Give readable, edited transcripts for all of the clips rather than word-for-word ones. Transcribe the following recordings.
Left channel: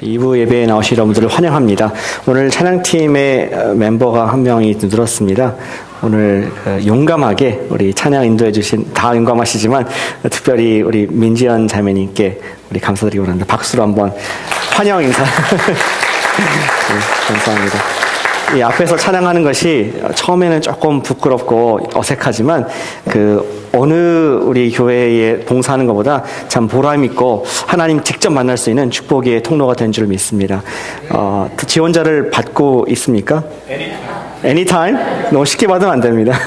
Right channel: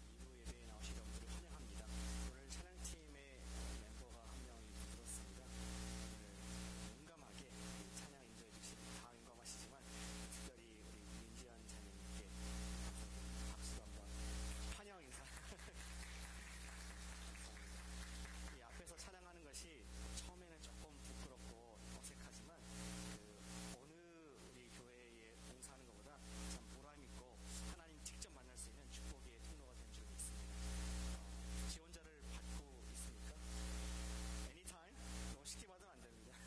2부 예배에 나오신 여러분들을 환영합니다. 오늘 찬양팀의 멤버가 한 명이 늘었습니다. 오늘 용감하게 우리 찬양 인도해 주신, 다 용감하시지만 특별히 우리 민지연 자매님께 우리 감사드리고 합니다. 박수로 한번 환영 인사. 네, 감사합니다. 이 앞에서 찬양하는 것이 처음에는 조금 부끄럽고 어색하지만 어느 우리 교회에 봉사하는 것보다 참 보람 있고 하나님 직접 만날 수 있는 축복의 통로가 된 줄 믿습니다. 지원자를 받고 있습니까? Anytime? 너무 쉽게 받으면 안 됩니다.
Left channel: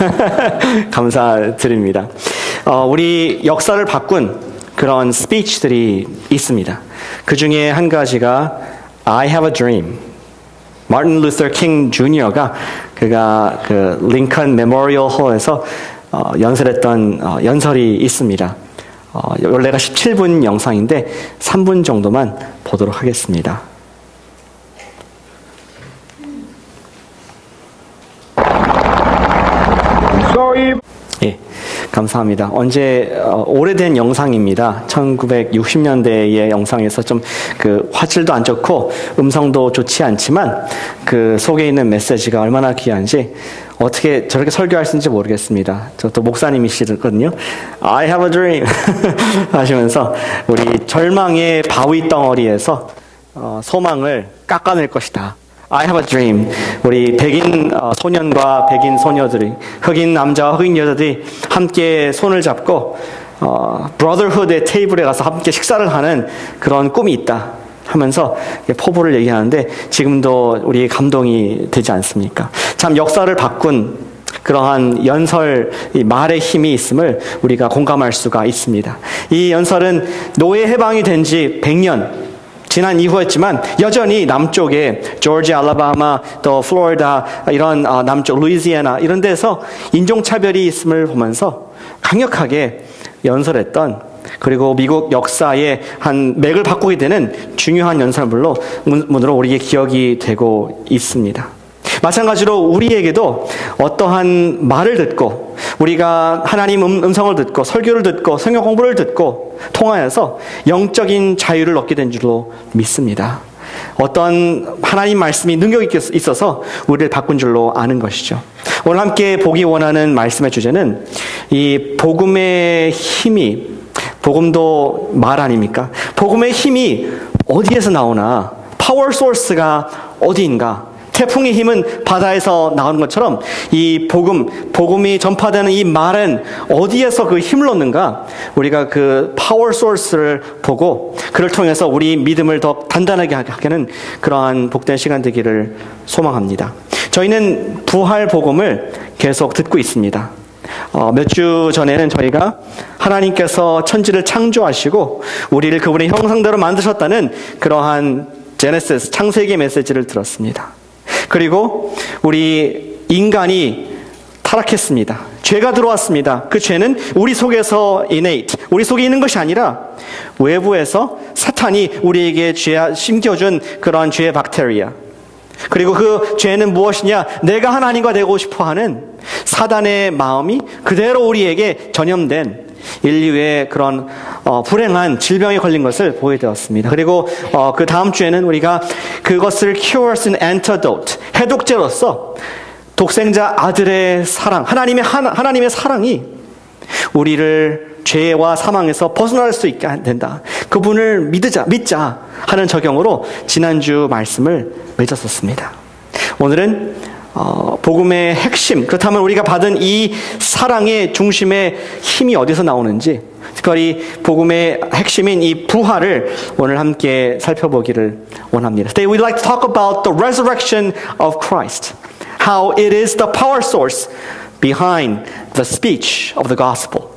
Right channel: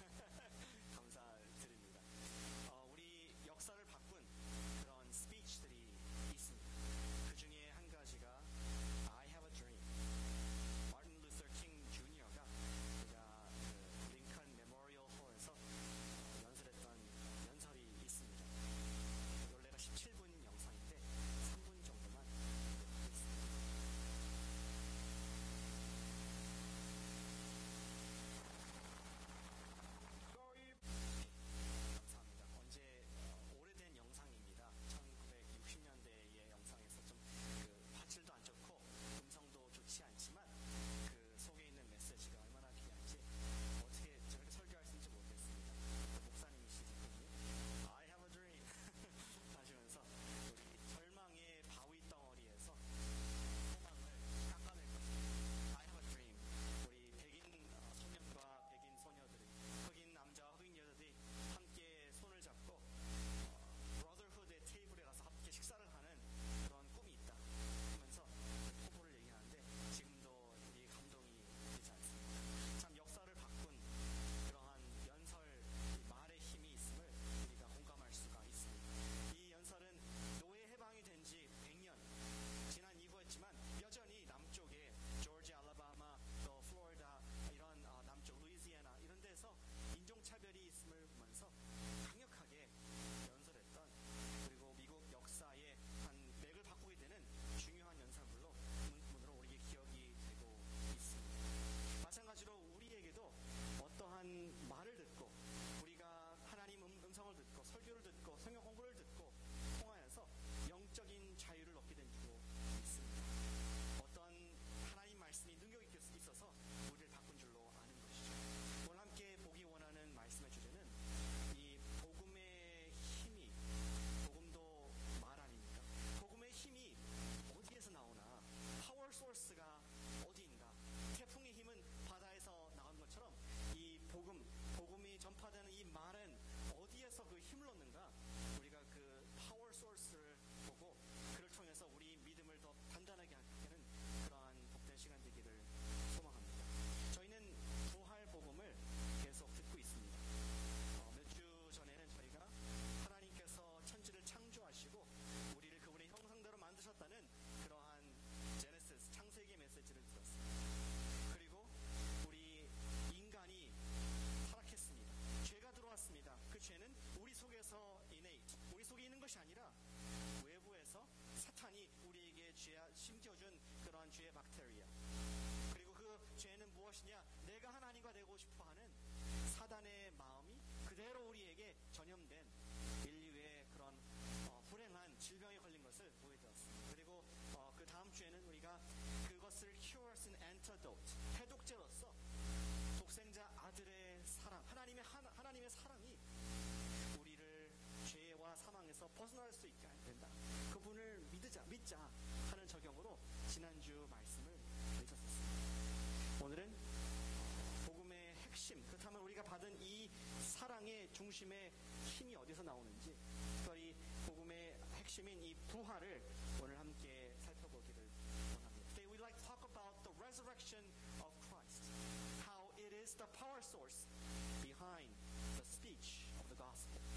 감사드립니다. 우리 역사를 바꾼 그런 스피치들이 있습니다. 그 중에 한 가지가 I have a dream. 마틴 루터 킹 주니어가 그가 링컨 메모리얼 홀에서 연설했던 연설이 있습니다. 원래가 17분 영상인데 3분 정도만 보도록 하겠습니다. 예, 감사합니다. 오래된 영상입니다. 1960년대의 영상에서 좀 화질도 안 좋고 음성도 좋지 않지만 속에 있는 메시지가 얼마나 귀한지 어떻게 저렇게 설교할 수 있는지 모르겠습니다. 저 또 목사님이시거든요. I have a dream 하시면서 우리 절망의 바위 덩어리에서 소망을 깎아낼 것이다. I have a dream. 우리 백인 소년과 백인 소녀들이, 흑인 남자와 흑인 여자들이 함께 손을 잡고 브로더ಹು드의 테이블에 가서 함께 식사를 하는 그런 꿈이 있다 하면서 포부를 얘기하는데 지금도 우리의 감동이 되지 않습니까? 참 역사를 바꾼 그러한 연설, 이 말의 힘이 있음을 우리가 공감할 수가 있습니다. 이 연설은 노예 해방이 된 지 100년 지난 이후였지만 여전히 남쪽에 조지아, 알라바마, 또 플로리다 이런 남쪽 루이지애나 이런 데서 인종차별이 있음을 보면서 강력하게 연설했던, 그리고 미국 역사의 한 맥을 바꾸게 되는 중요한 연설문으로 우리에게 기억이 되고 있습니다. 마찬가지로 우리에게도 어떠한 말을 듣고 우리가 하나님 음성을 듣고 설교를 듣고 성경 공부를 듣고 통하여서 영적인 자유를 얻게 된 줄로 믿습니다. 어떤 하나님 말씀이 능력이 있어서 우리를 바꾼 줄로 아는 것이죠. 오늘 함께 보기 원하는 말씀의 주제는 이 복음의 힘이, 복음도 말 아닙니까? 복음의 힘이 어디에서 나오나, 파워 소스가 어디인가? 태풍의 힘은 바다에서 나오는 것처럼 이 복음이 전파되는 이 말은 어디에서 그 힘을 얻는가? 우리가 그 파워 소스를 보고 그를 통해서 우리 믿음을 더 단단하게 하는 그러한 복된 시간 되기를 소망합니다. 저희는 부활 복음을 계속 듣고 있습니다. 몇 주 전에는 저희가 하나님께서 천지를 창조하시고 우리를 그분의 형상대로 만드셨다는 그러한 제네시스, 창세기 메시지를 들었습니다. 그리고 우리 인간이 타락했습니다. 죄가 들어왔습니다. 그 죄는 우리 속에서 우리 속에 있는 것이 아니라 외부에서 사탄이 우리에게 심겨준 그러한 죄의 박테리아. 그리고 그 죄는 무엇이냐? 내가 하나님과 되고 싶어하는 사단의 마음이 그대로 우리에게 전염된 인류의 그런 불행한 질병에 걸린 것을 보게 되었습니다. 그리고 그 다음 주에는 우리가 그것을 cure as an antidote, 해독제로서 독생자 아들의 사랑, 하나님의 사랑이 우리를 죄와 사망에서 벗어날 수 있게 된다. 그분을 믿자 하는 적용으로 지난주 말씀을 맺었었습니다. 오늘은 복음의 핵심, 그렇다면 우리가 받은 이 사랑의 중심의 힘이 어디서 나오는지, 특별히 복음의 핵심인 이 부활을 오늘 함께 살펴보기를 원합니다. Today we'd like to talk about the resurrection of Christ. How it is the power source behind the speech of the gospel.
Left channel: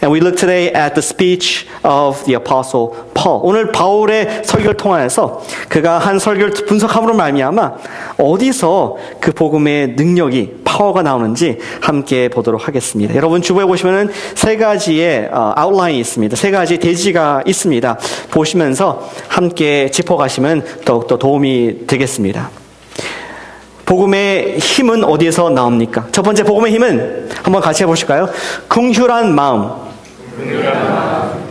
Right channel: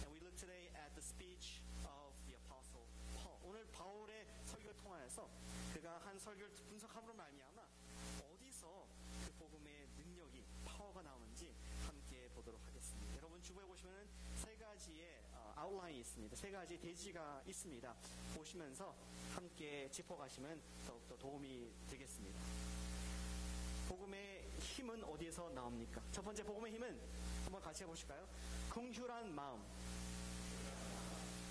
And we look today at the speech of the apostle Paul. 오늘 바울의 설교를 통하여서 그가 한 설교를 분석함으로 말미암아 어디서 그 복음의 능력이, 파워가 나오는지 함께 보도록 하겠습니다. 여러분 주보에 보시면은 세 가지의 아웃라인이 있습니다. 세 가지 대지가 있습니다. 보시면서 함께 짚어가시면 더욱더 도움이 되겠습니다. 복음의 힘은 어디에서 나옵니까? 첫 번째 복음의 힘은 한번 같이 해보실까요? 긍휼한 마음.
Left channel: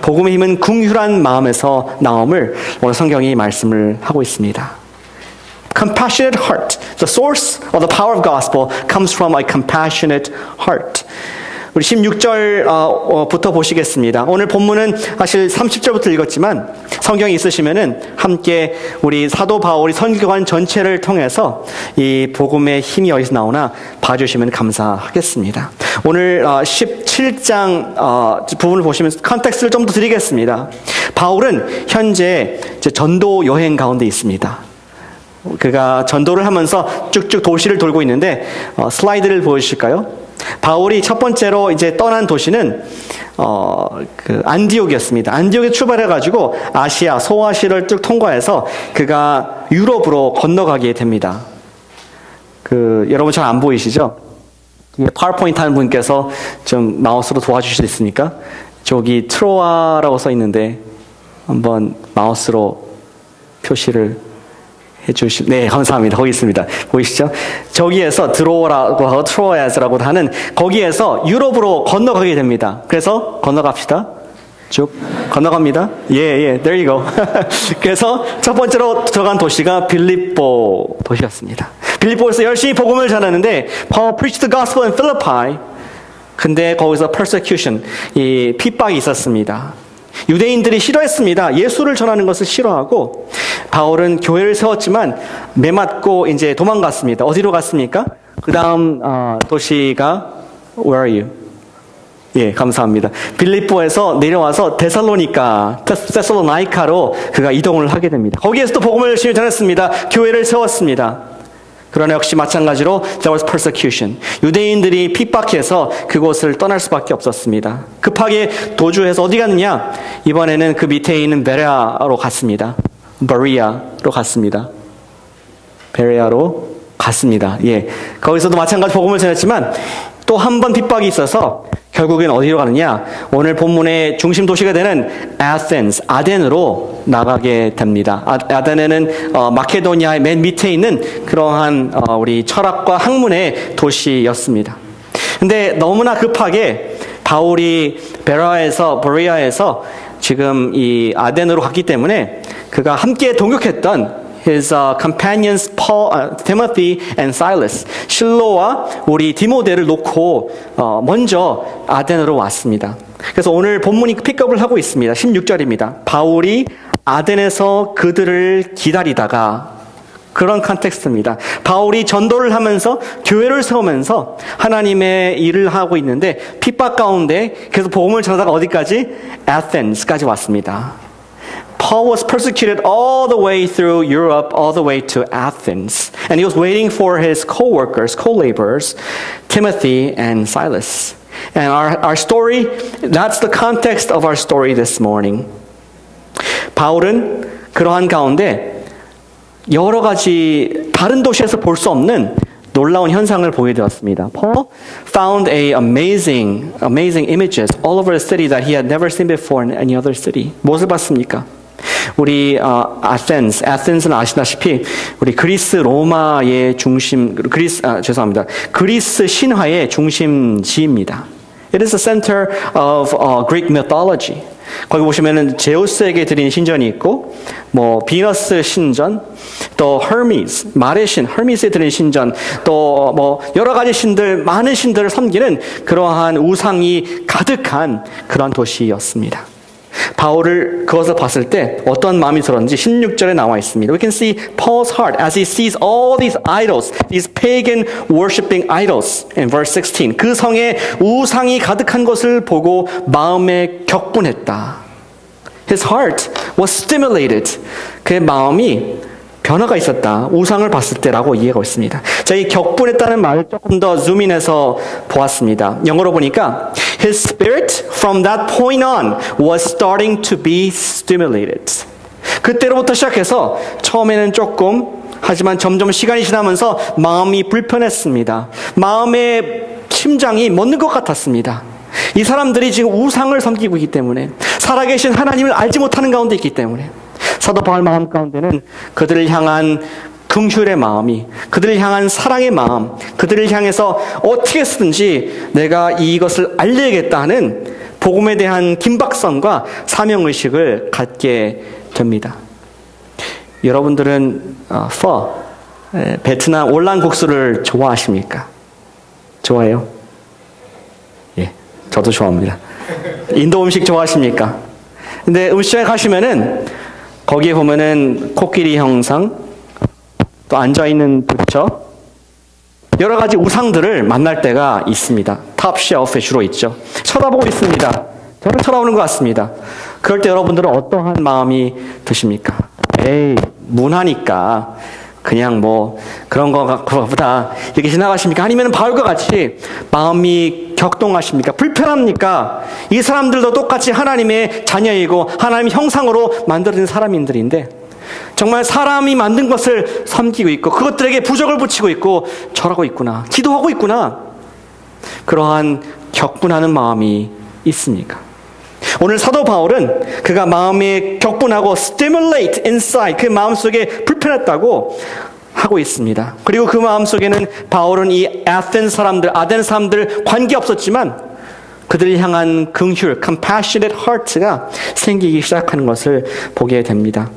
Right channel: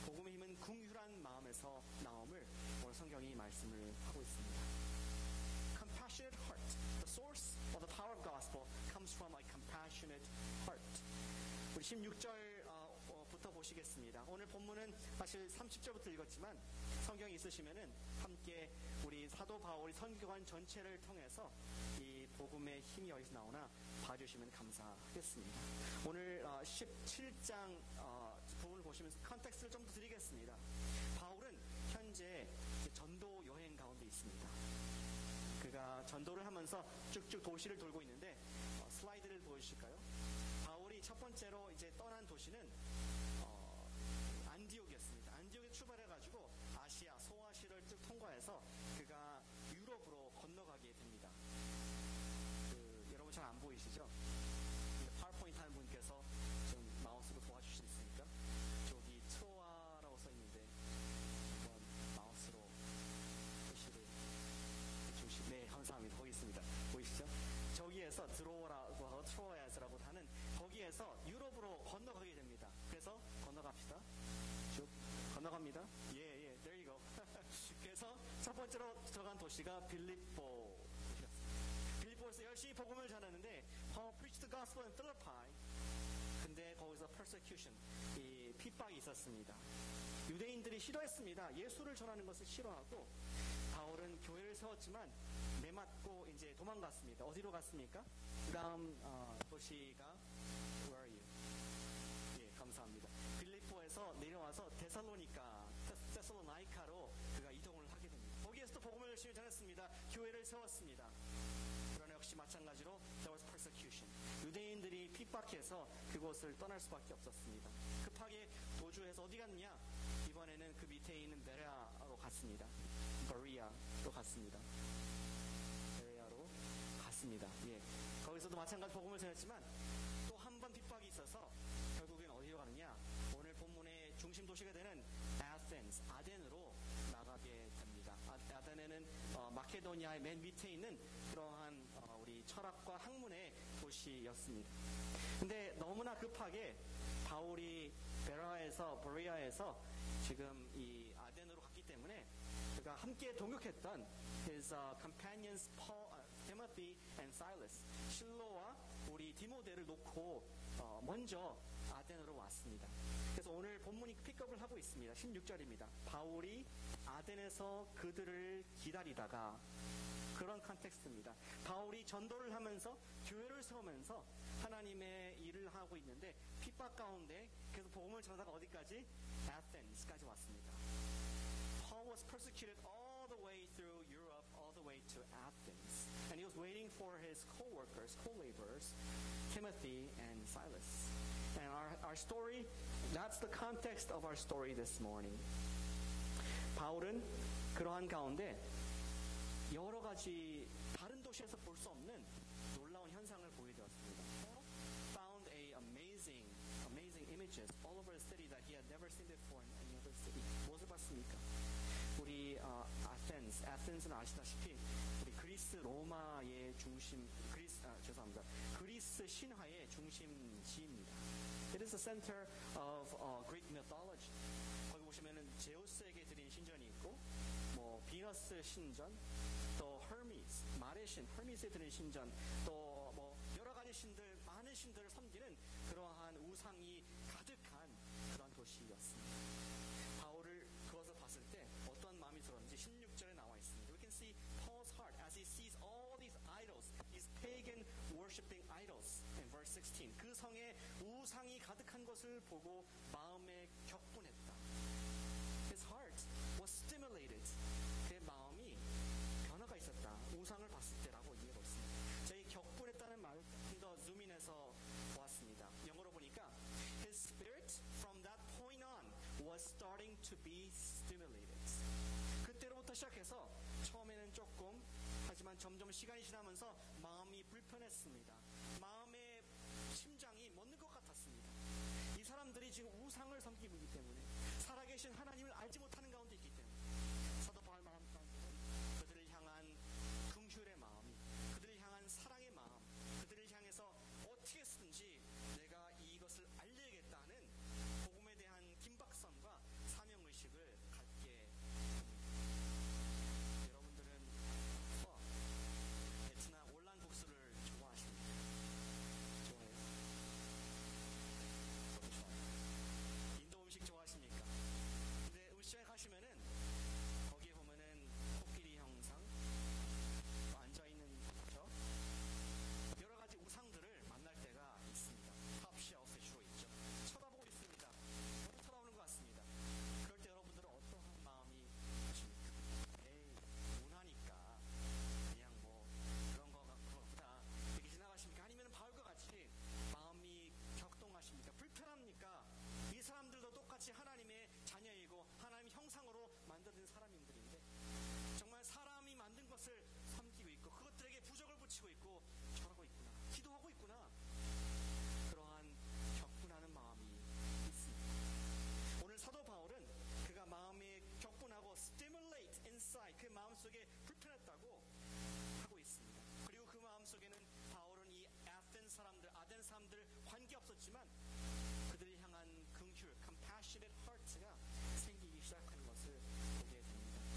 복음의 힘은 긍휼한 마음에서 나옴을 오늘 성경이 말씀을 하고 있습니다. Compassionate heart. The source of the power of gospel comes from a compassionate heart. 우리 16절부터 보시겠습니다. 오늘 본문은 사실 30절부터 읽었지만 성경이 있으시면은 함께 우리 사도 바울이 선교관 전체를 통해서 이 복음의 힘이 어디서 나오나 봐주시면 감사하겠습니다. 오늘 17장 부분을 보시면 컨텍스트를 좀 더 드리겠습니다. 바울은 현재 전도 여행 가운데 있습니다. 그가 전도를 하면서 쭉쭉 도시를 돌고 있는데 슬라이드를 보여주실까요? 바울이 첫 번째로 이제 떠난 도시는 안디옥이었습니다. 안디옥에 출발해가지고 아시아, 소아시아를 쭉 통과해서 그가 유럽으로 건너가게 됩니다. 여러분 잘 안 보이시죠? 파워포인트 하는 분께서 좀 마우스로 도와주실 수 있습니까? 저기 트로아라고 써 있는데 한번 마우스로 표시를 네, 감사합니다. 거기 있습니다. 보이시죠? 저기에서 드로어라고 하고 트로아스라고 하는 거기에서 유럽으로 건너가게 됩니다. 그래서 건너갑시다. 쭉 건너갑니다. 예, there you go. 그래서 첫 번째로 들어간 도시가 빌립보 도시였습니다. 빌립보에서 열심히 복음을 전하는데 Paul preached the gospel in Philippi. 근데 거기서 persecution, 이 핍박이 있었습니다. 유대인들이 싫어했습니다. 예수를 전하는 것을 싫어하고 바울은 교회를 세웠지만 매맞고 이제 도망갔습니다. 어디로 갔습니까? 그 다음 도시가 Where are you? 예, 감사합니다. 빌립보에서 내려와서 데살로니카로 그가 이동을 하게 됩니다. 거기에서도 복음을 열심히 전했습니다. 교회를 세웠습니다. 그러나 역시 마찬가지로 there was persecution. 유대인들이 핍박해서 그곳을 떠날 수밖에 없었습니다. 급하게 도주해서 어디 갔느냐? 이번에는 그 밑에 있는 베레아로 갔습니다. 베레아로 갔습니다. 예, 거기서도 마찬가지 복음을 전했지만 또 한 번 핍박이 있어서 결국엔 어디로 가느냐? 오늘 본문의 중심 도시가 되는 아덴으로 나가게 됩니다. 아덴에는 마케도니아의 맨 밑에 있는 그러한 우리 철학과 학문의 도시였습니다. 근데 너무나 급하게 바울이 베레아에서 지금 이 아덴으로 갔기 때문에 그가 함께 동역했던 his companions Timothy and Silas, 실로와 우리 디모데를 놓고 먼저 아덴으로 왔습니다. 그래서 오늘 본문이 픽업을 하고 있습니다. 16절입니다. 바울이 아덴에서 그들을 기다리다가, 그런 컨텍스트입니다. 바울이 전도를 하면서 교회를 세우면서 하나님의 일을 하고 있는데 핍박 가운데 계속 복음을 전하다가 어디까지? 아테네스까지 왔습니다. Paul was persecuted all the way through Europe, all the way to Athens. And he was waiting for his co-workers, co-laborers, Timothy and Silas. And our story, that's the context of our story this morning. 바울은 그러한 가운데 여러 가지 다른 도시에서 볼 수 없는 놀라운 현상을 보게 되었습니다. Paul found amazing images all over the city that he had never seen before in any other city. 무엇을 봤습니까? 우리 아테네스는 아시다시피 우리 그리스 로마의 그리스 신화의 중심지입니다. It is the center of Greek mythology. 거기 보시면은 제우스에게 드린 신전이 있고, 비너스 신전, 또 말의 신, 헤르미스에 드린 신전, 또 여러 가지 신들, 많은 신들을 섬기는 그러한 우상이 가득한 그런 도시였습니다. 바울을 그것을 봤을 때 어떤 마음이 들었는지 16절에 나와 있습니다. We can see Paul's heart as he sees all these idols, these pagan worshiping idols in verse 16. 그 성에 우상이 가득한 것을 보고 마음에 격분했다. His heart was stimulated. 그의 마음이 변화가 있었다. 우상을 봤을 때라고 이해가 있습니다. 자, 이 격분했다는 말을 조금 더 줌인해서 보았습니다. 영어로 보니까 His spirit from that point on was starting to be stimulated. 그때로부터 시작해서 처음에는 조금, 하지만 점점 시간이 지나면서 마음이 불편했습니다. 마음의 심장이 멎는 것 같았습니다. 이 사람들이 지금 우상을 섬기고 있기 때문에, 살아계신 하나님을 알지 못하는 가운데 있기 때문에, 사도 바울 마음 가운데는 그들을 향한 긍휼의 마음이, 그들을 향한 사랑의 마음, 그들을 향해서 어떻게 쓰든지 내가 이것을 알려야겠다 하는 복음에 대한 긴박성과 사명의식을 갖게 됩니다. 여러분들은 베트남 올란국수를 좋아하십니까? 좋아해요? 예, 저도 좋아합니다. 인도 음식 좋아하십니까? 근데 음식점에 가시면은 거기에 보면은 코끼리 형상, 또 앉아있는 부처, 여러 가지 우상들을 만날 때가 있습니다. 탑 쉘프에 주로 있죠. 쳐다보고 있습니다. 저를 쳐다보는 것 같습니다. 그럴 때 여러분들은 어떠한 마음이 드십니까? 에이, 문화니까 그냥 뭐 그런 거보다 이렇게 지나가십니까? 아니면 바울과 같이 마음이 격동하십니까? 불편합니까? 이 사람들도 똑같이 하나님의 자녀이고 하나님 형상으로 만들어진 사람인들인데 정말 사람이 만든 것을 섬기고 있고 그것들에게 부적을 붙이고 있고 절하고 있구나, 기도하고 있구나, 그러한 격분하는 마음이 있습니까? 오늘 사도 바울은 그가 마음이 격분하고 stimulate inside, 그 마음속에 불편했다고 하고 있습니다. 그리고 그 마음속에는 바울은 이 아덴 사람들 관계없었지만 그들을 향한 긍휼, compassionate heart가 생기기 시작하는 것을 보게 됩니다.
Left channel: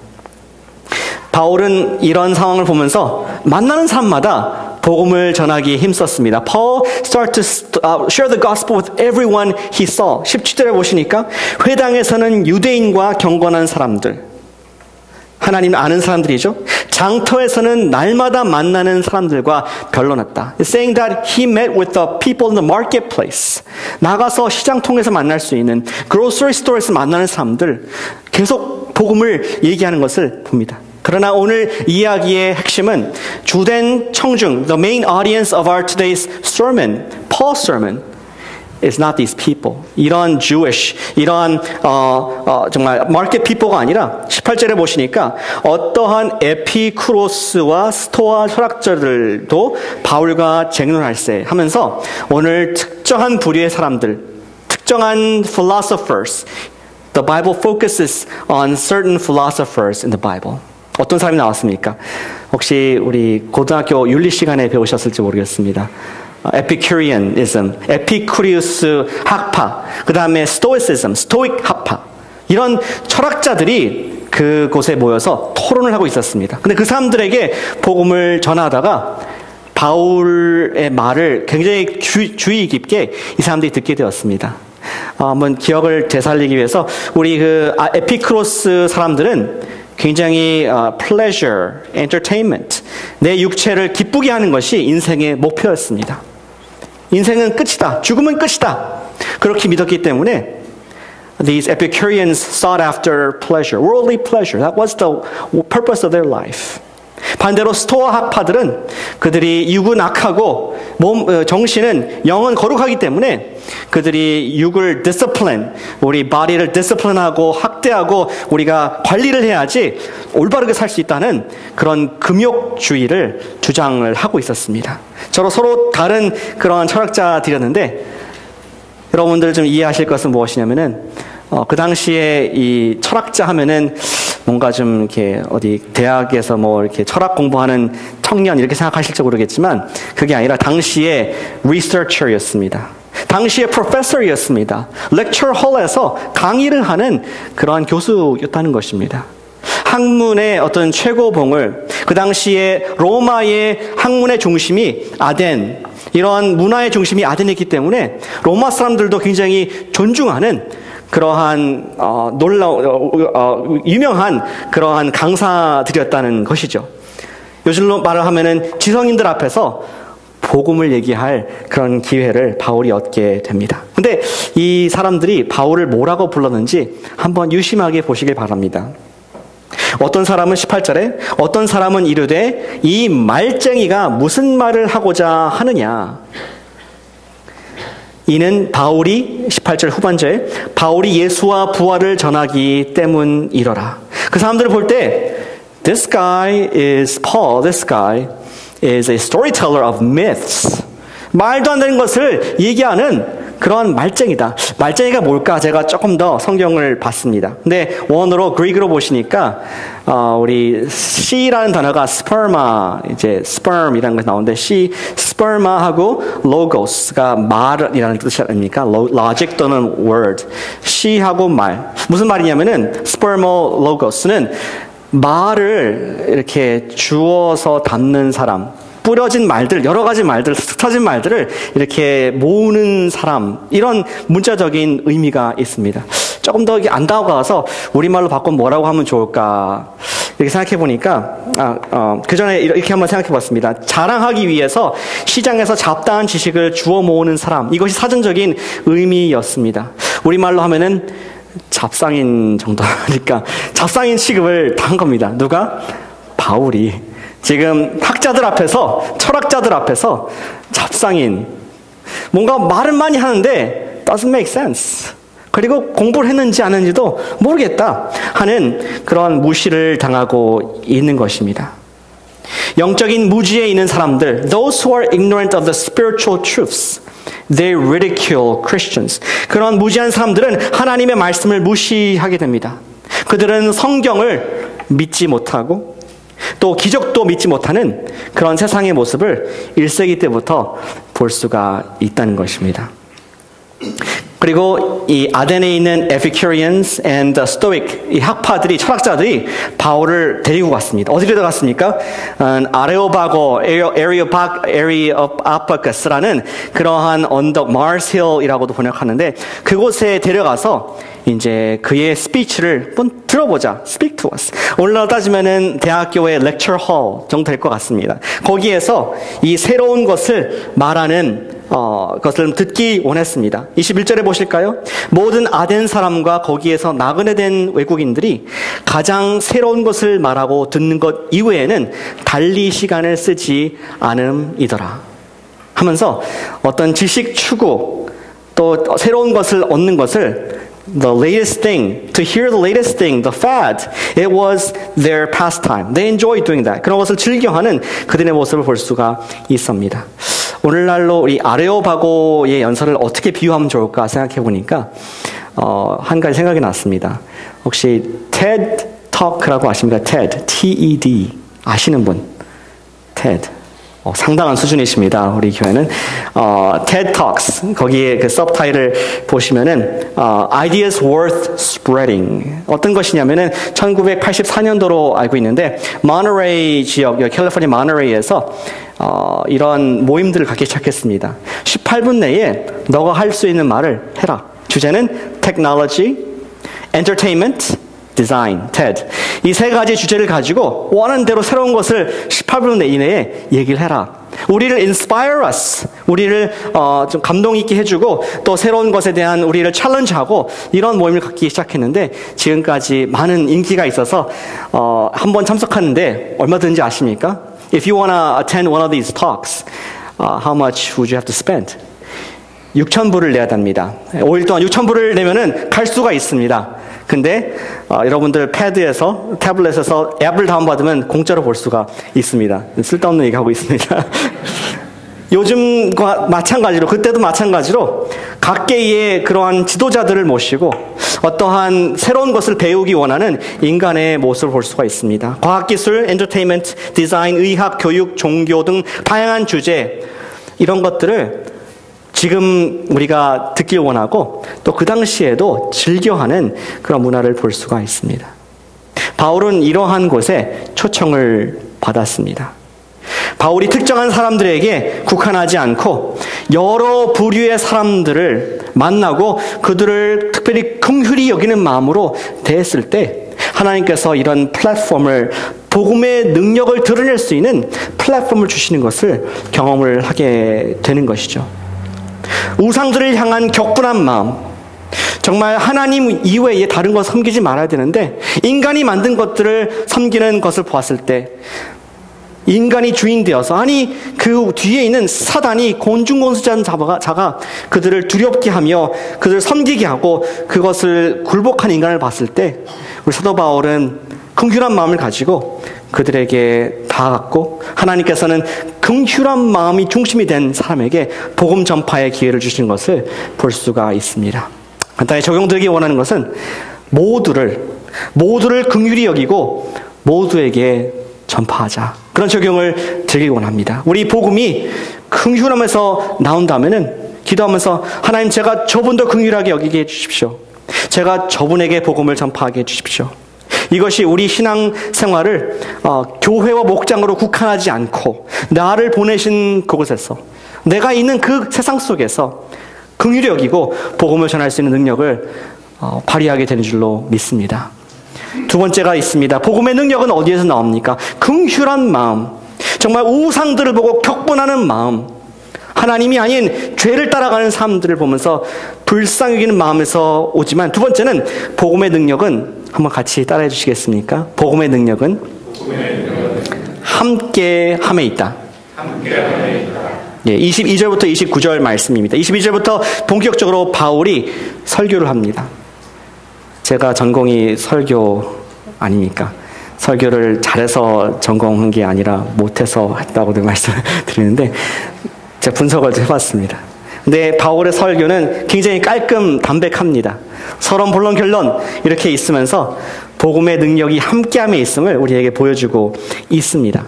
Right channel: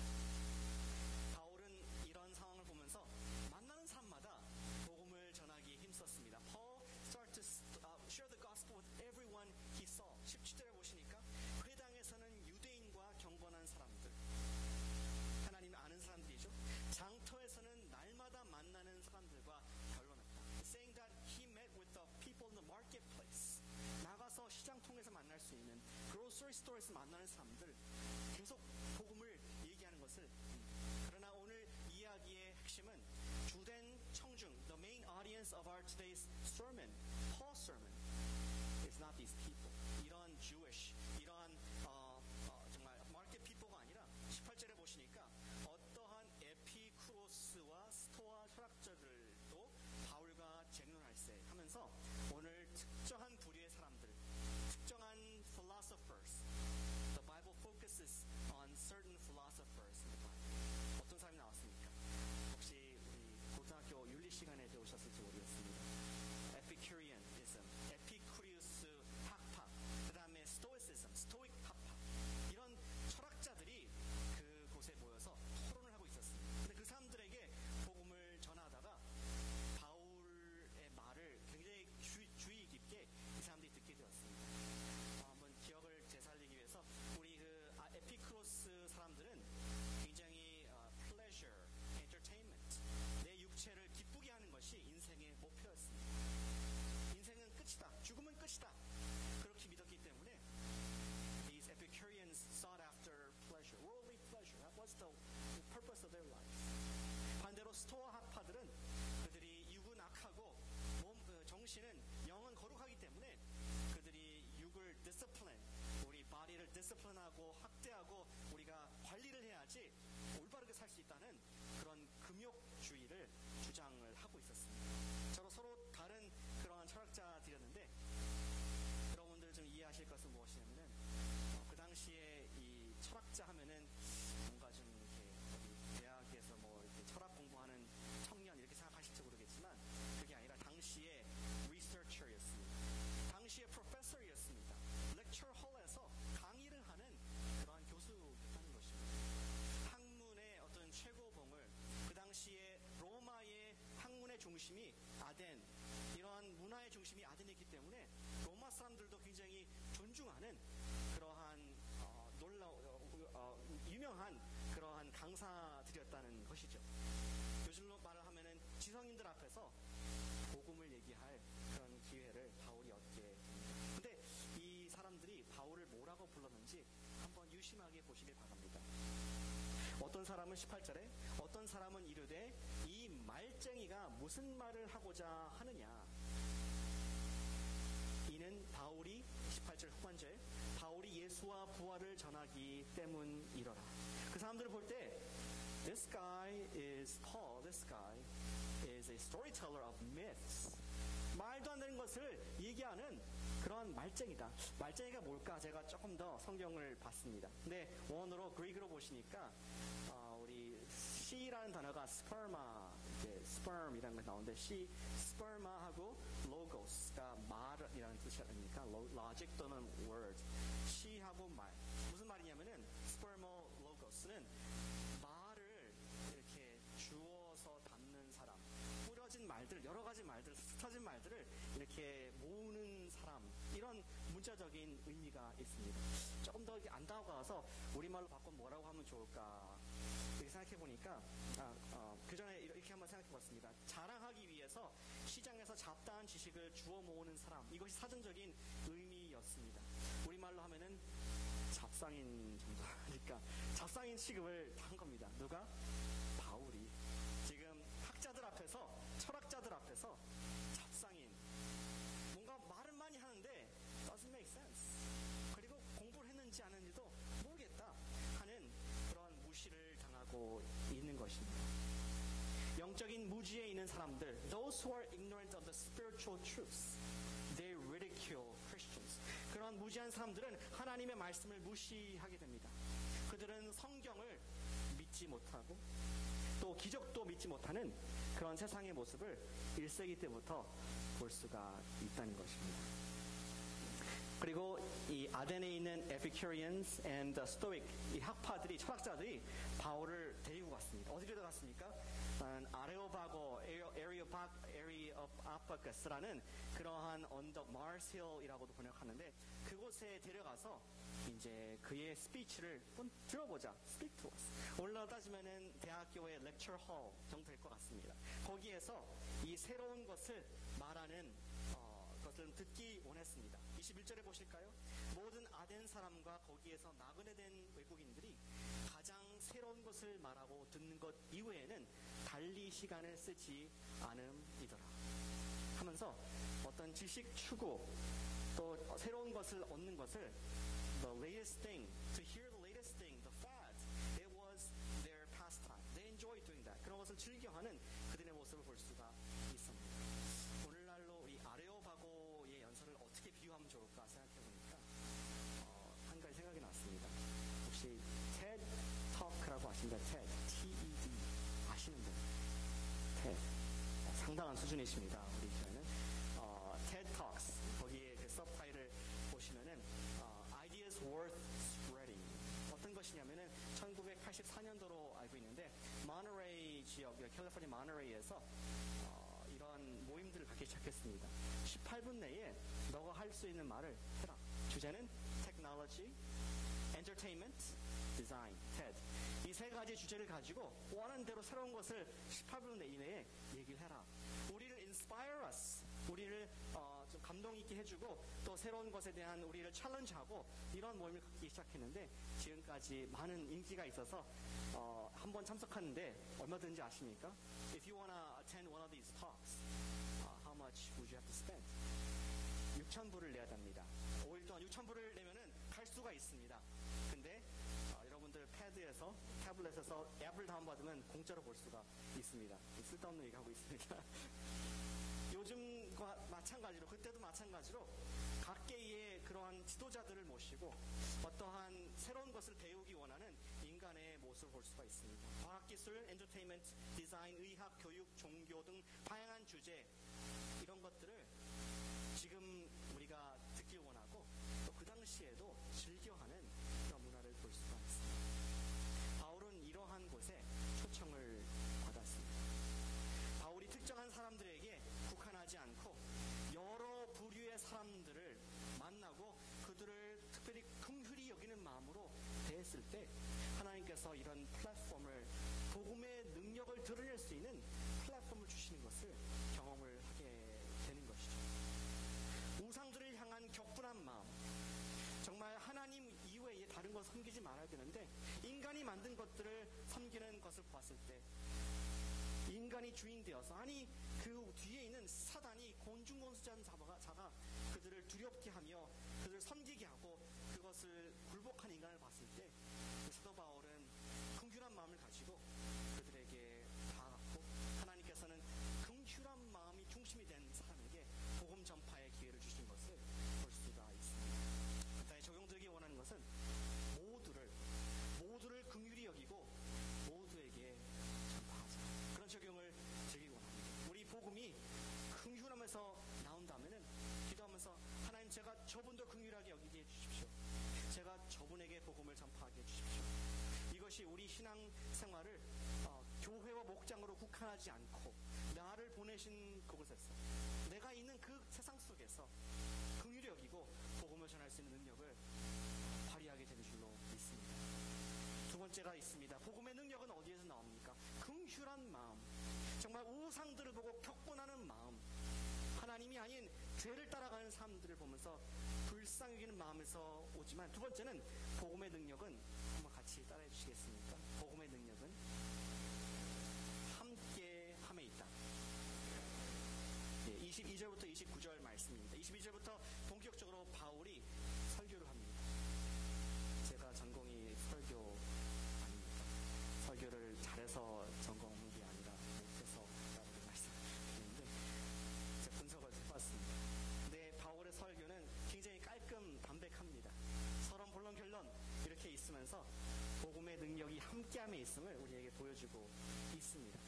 바울은 이런 상황을 보면서 만나는 사람마다 복음을 전하기에 힘썼습니다. Paul started to share the gospel with everyone he saw. 17절에 보시니까 회당에서는 유대인과 경건한 사람들, 하나님을 아는 사람들이죠. 장터에서는 날마다 만나는 사람들과 변론했다. It's saying that he met with the people in the marketplace. 나가서 시장통에서 만날 수 있는, grocery store에서 만나는 사람들, 계속 복음을 얘기하는 것을 봅니다. 그러나 오늘 이야기의 핵심은 주된 청중, the main audience of our today's sermon, Paul's sermon, is not these people. 이런 Jewish, 이러한 정말 market people가 아니라 18절에 보시니까 어떠한 에피쿠로스와 스토아 철학자들도 바울과 쟁론할세 하면서 오늘 특정한 부류의 사람들, 특정한 philosophers, the Bible focuses on certain philosophers in the Bible. 어떤 사람이 나왔습니까? 혹시 우리 고등학교 윤리 시간에 배우셨을지 모르겠습니다. 에피큐리언이즘, 에피쿠리우스 학파, 그 다음에 스토이시즘, 스토익 학파, 이런 철학자들이 그곳에 모여서 토론을 하고 있었습니다. 근데 그 사람들에게 복음을 전하다가 바울의 말을 굉장히 주의 깊게 이 사람들이 듣게 되었습니다. 한번 기억을 되살리기 위해서 우리 그 에피쿠로스 사람들은 굉장히 pleasure, entertainment, 내 육체를 기쁘게 하는 것이 인생의 목표였습니다. 인생은 끝이다, 죽음은 끝이다, 그렇게 믿었기 때문에 these Epicureans sought after pleasure, worldly pleasure. That was the purpose of their life. 반대로 스토아 학파들은 그들이 육은 악하고 정신은 영은 거룩하기 때문에 그들이 육을 discipline, 우리 body를 discipline하고 학대하고 우리가 관리를 해야지 올바르게 살 수 있다는 그런 금욕주의를 주장을 하고 있었습니다. 서로 다른 그런 철학자들이었는데 여러분들 좀 이해하실 것은 무엇이냐면은 그 당시에 이 철학자 하면은 뭔가 좀 이렇게 어디 대학에서 뭐 이렇게 철학 공부하는 청년 이렇게 생각하실지 모르겠지만 그게 아니라 당시에 researcher였습니다. 당시에 professor였습니다. lecture hall에서 강의를 하는 그러한 교수였다는 것입니다. 학문의 어떤 최고봉을, 그 당시에 로마의 학문의 중심이 아덴, 이런 문화의 중심이 아덴이기 때문에 로마 사람들도 굉장히 존중하는 그러한 유명한 그러한 강사들이었다는 것이죠. 요즘로 말을 하면은 지성인들 앞에서 복음을 얘기할 그런 기회를 바울이 얻게 됩니다. 근데 이 사람들이 바울을 뭐라고 불렀는지 한번 유심하게 보시길 바랍니다. 어떤 사람은 18절에 어떤 사람은 이르되 이 말쟁이가 무슨 말을 하고자 하느냐. 이는 바울이 18절 후반절에 바울이 예수와 부활을 전하기 때문이러라. 그 사람들을 볼 때 This guy is Paul. This guy is a storyteller of myths. 말도 안 되는 것을 얘기하는 그런 말쟁이다. 말쟁이가 뭘까? 제가 조금 더 성경을 봤습니다. 근데 원어로 그리크로 보시니까 우리 she라는 단어가 sperma, 이제 sperm이라는 것이 나오는데 sperma하고 logos가 말이라는 뜻이 아닙니까? logic 또는 word. she하고 말. 무슨 말이냐면은 spermologos는 말을 이렇게 주어서 담는 사람. 뿌려진 말들, 여러 가지 말들, 흩어진 말들을 이렇게 모으는 사람, 이런 문자적인 의미가 있습니다. 조금 더 안 다가가서 우리말로 바꾸면 뭐라고 하면 좋을까? 이렇게 생각해 보니까, 그 전에 이렇게 한번 생각해 봤습니다. 자랑하기 위해서 시장에서 잡다한 지식을 주워 모으는 사람, 이것이 사전적인 의미였습니다. 우리말로 하면은 잡상인 정도니까, 잡상인 취급을 당한 겁니다. 누가? 바울이. 지금 학자들 앞에서, 철학자들 앞에서 잡상인, 뭔가 말은 많이 하는데 doesn't make sense. 그리고 공부를 했는지 안 했는지도 모르겠다 하는 그런 무시를 당하고 있는 것입니다. 영적인 무지에 있는 사람들, those who are ignorant of the spiritual truths, they ridicule Christians. 그런 무지한 사람들은 하나님의 말씀을 무시하게 됩니다. 그들은 성경을 믿지 못하고 또 기적도 믿지 못하는 그런 세상의 모습을 1세기 때부터 볼 수가 있다는 것입니다. 그리고 이 아덴에 있는 Epicureans and Stoic, 이 학파들이, 철학자들이 바울을 데리고 갔습니다. 어디로 갔습니까? 아레오바고, 에리오파거스라는 그러한 언덕, Mars Hill이라고도 번역하는데 그곳에 데려가서 이제 그의 스피치를 한번 들어보자. Speak to us. 오늘날로 따지면은 대학교의 lecture hall 정도 될 것 같습니다. 거기에서 이 새로운 것을 말하는 것을 듣기 원했습니다. 21절에 보실까요? 모든 아덴 사람과 거기에서 나그네 된 외국인들이 가장 새로운 것을 말하고 듣는 것 이외에는 달리 시간을 쓰지 않음이더라 하면서 어떤 지식 추구 또 새로운 것을 얻는 것을 the latest thing, to hear the latest thing, the fad, it was their pastime. They enjoyed doing that. 그런 것을 즐겨하는 그들의 모습을 볼 수가 있습니다. 오늘날로 우리 아레오바고의 연설을 어떻게 비유하면 좋을까 생각해 보니까 한 가지 생각이 났습니다. 혹시 TED Talk라고 아십니까? TED, T-E-D 아시는 분? TED. 상당한 수준이십니다. 우리 교회는 TED Talks 거기에 그 서브타이틀을 보시면은 Ideas Worth Spreading 어떤 것이냐면은 1984년도로 알고 있는데 모너레이 지역 캘리포니아 모너레이에서 이런 모임들을 갖기 시작했습니다. 18분 내에 너가 할 수 있는 말을 해라. 주제는 Technology, Entertainment, Design, TED. 이 세 가지 주제를 가지고 원하는 대로 새로운 것을 18분 이내에 얘기를 해라. 우리를 inspire us, 우리를 좀 감동 있게 해주고 또 새로운 것에 대한 우리를 챌린지하고 이런 모임을 갖기 시작했는데 지금까지 많은 인기가 있어서 한번 참석하는데 얼마든지 아십니까? If you want to attend one of these talks, how much would you have to spend? 6,000불을 내야 합니다. 5일 동안 6,000불을 내면은 갈 수가 있습니다. 근데 여러분들 패드에서 태블릿에서 앱을 다운받으면 공짜로 볼 수가 있습니다. 쓸데없는 얘기하고 있습니다. 요즘과 마찬가지로 그때도 마찬가지로 각계의 그러한 지도자들을 모시고 어떠한 새로운 것을 배우기 원하는 인간의 모습을 볼 수가 있습니다. 과학기술, 엔터테인먼트, 디자인, 의학, 교육, 종교 등 다양한 주제 이런 것들을 지금 우리가 듣길 원하고 또 그 당시에도 즐겨하는 그런 문화를 볼 수가 있습니다. 바울은 이러한 곳에 초청을 받았습니다. 바울이 특정한 사람들에게 국한하지 않고 여러 부류의 사람들을 만나고 그들을 특별히 긍휼히 여기는 마음으로 대했을 때 하나님께서 이런 플랫폼을 복음의 능력을 드러낼 수 있는 플랫폼을 주시는 것을 경험을 하게 되는 것이죠. 우상들을 향한 격분한 마음, 정말 하나님 이외에 다른 것 섬기지 말아야 되는데 인간이 만든 것들을 섬기는 것을 보았을 때 인간이 주인 되어서 아니 그 뒤에 있는 사단이 곤중곤수자는 자가 그들을 두렵게 하며 그들을 섬기게 하고 그것을 굴복한 인간을 봤을 때 우리 사도 바울은 긍휼한 마음을 가지고 그들에게 다가갔고 하나님께서는 긍휼한 마음이 중심이 된 사람에게 복음 전파의 기회를 주신 것을 볼 수가 있습니다. 간단히 적용되기 원하는 것은 모두를 긍휼히 여기고 모두에게 전파하자. 그런 적용을 드리기 원합니다. 우리 복음이 긍휼함에서 나온다면은 기도하면서 하나님 제가 저분도 긍휼하게 여기게 해주십시오. 제가 저분에게 복음을 전파하게 해주십시오. 이것이 우리 신앙생활을 교회와 목장으로 국한하지 않고 나를 보내신 그곳에서 내가 있는 그 세상 속에서 긍휼히 여기고 복음을 전할 수 있는 능력을 발휘하게 되는 줄로 믿습니다. 두 번째가 있습니다. 복음의 능력은 어디에서 나옵니까? 긍휼한 마음, 정말 우상들을 보고 격분하는 마음, 하나님이 아닌 죄를 따라가는 사람들을 보면서 불쌍히 여기는 마음에서 오지만, 두 번째는 복음의 능력은 한번 같이 따라해 주시겠습니까? 복음의 능력은 함께함에 있다. 예, 22절부터 29절 말씀입니다. 22절부터 본격적으로 바울이 설교를 합니다. 제가 전공이 설교 아닙니까? 설교를 잘해서 전공한 게 아니라 못해서 했다고도 말씀을 드리는데 제가 분석을 해봤습니다. 근데 바울의 설교는 굉장히 깔끔 담백합니다. 서론, 본론, 결론 이렇게 있으면서 복음의 능력이 함께함에 있음을 우리에게 보여주고 있습니다.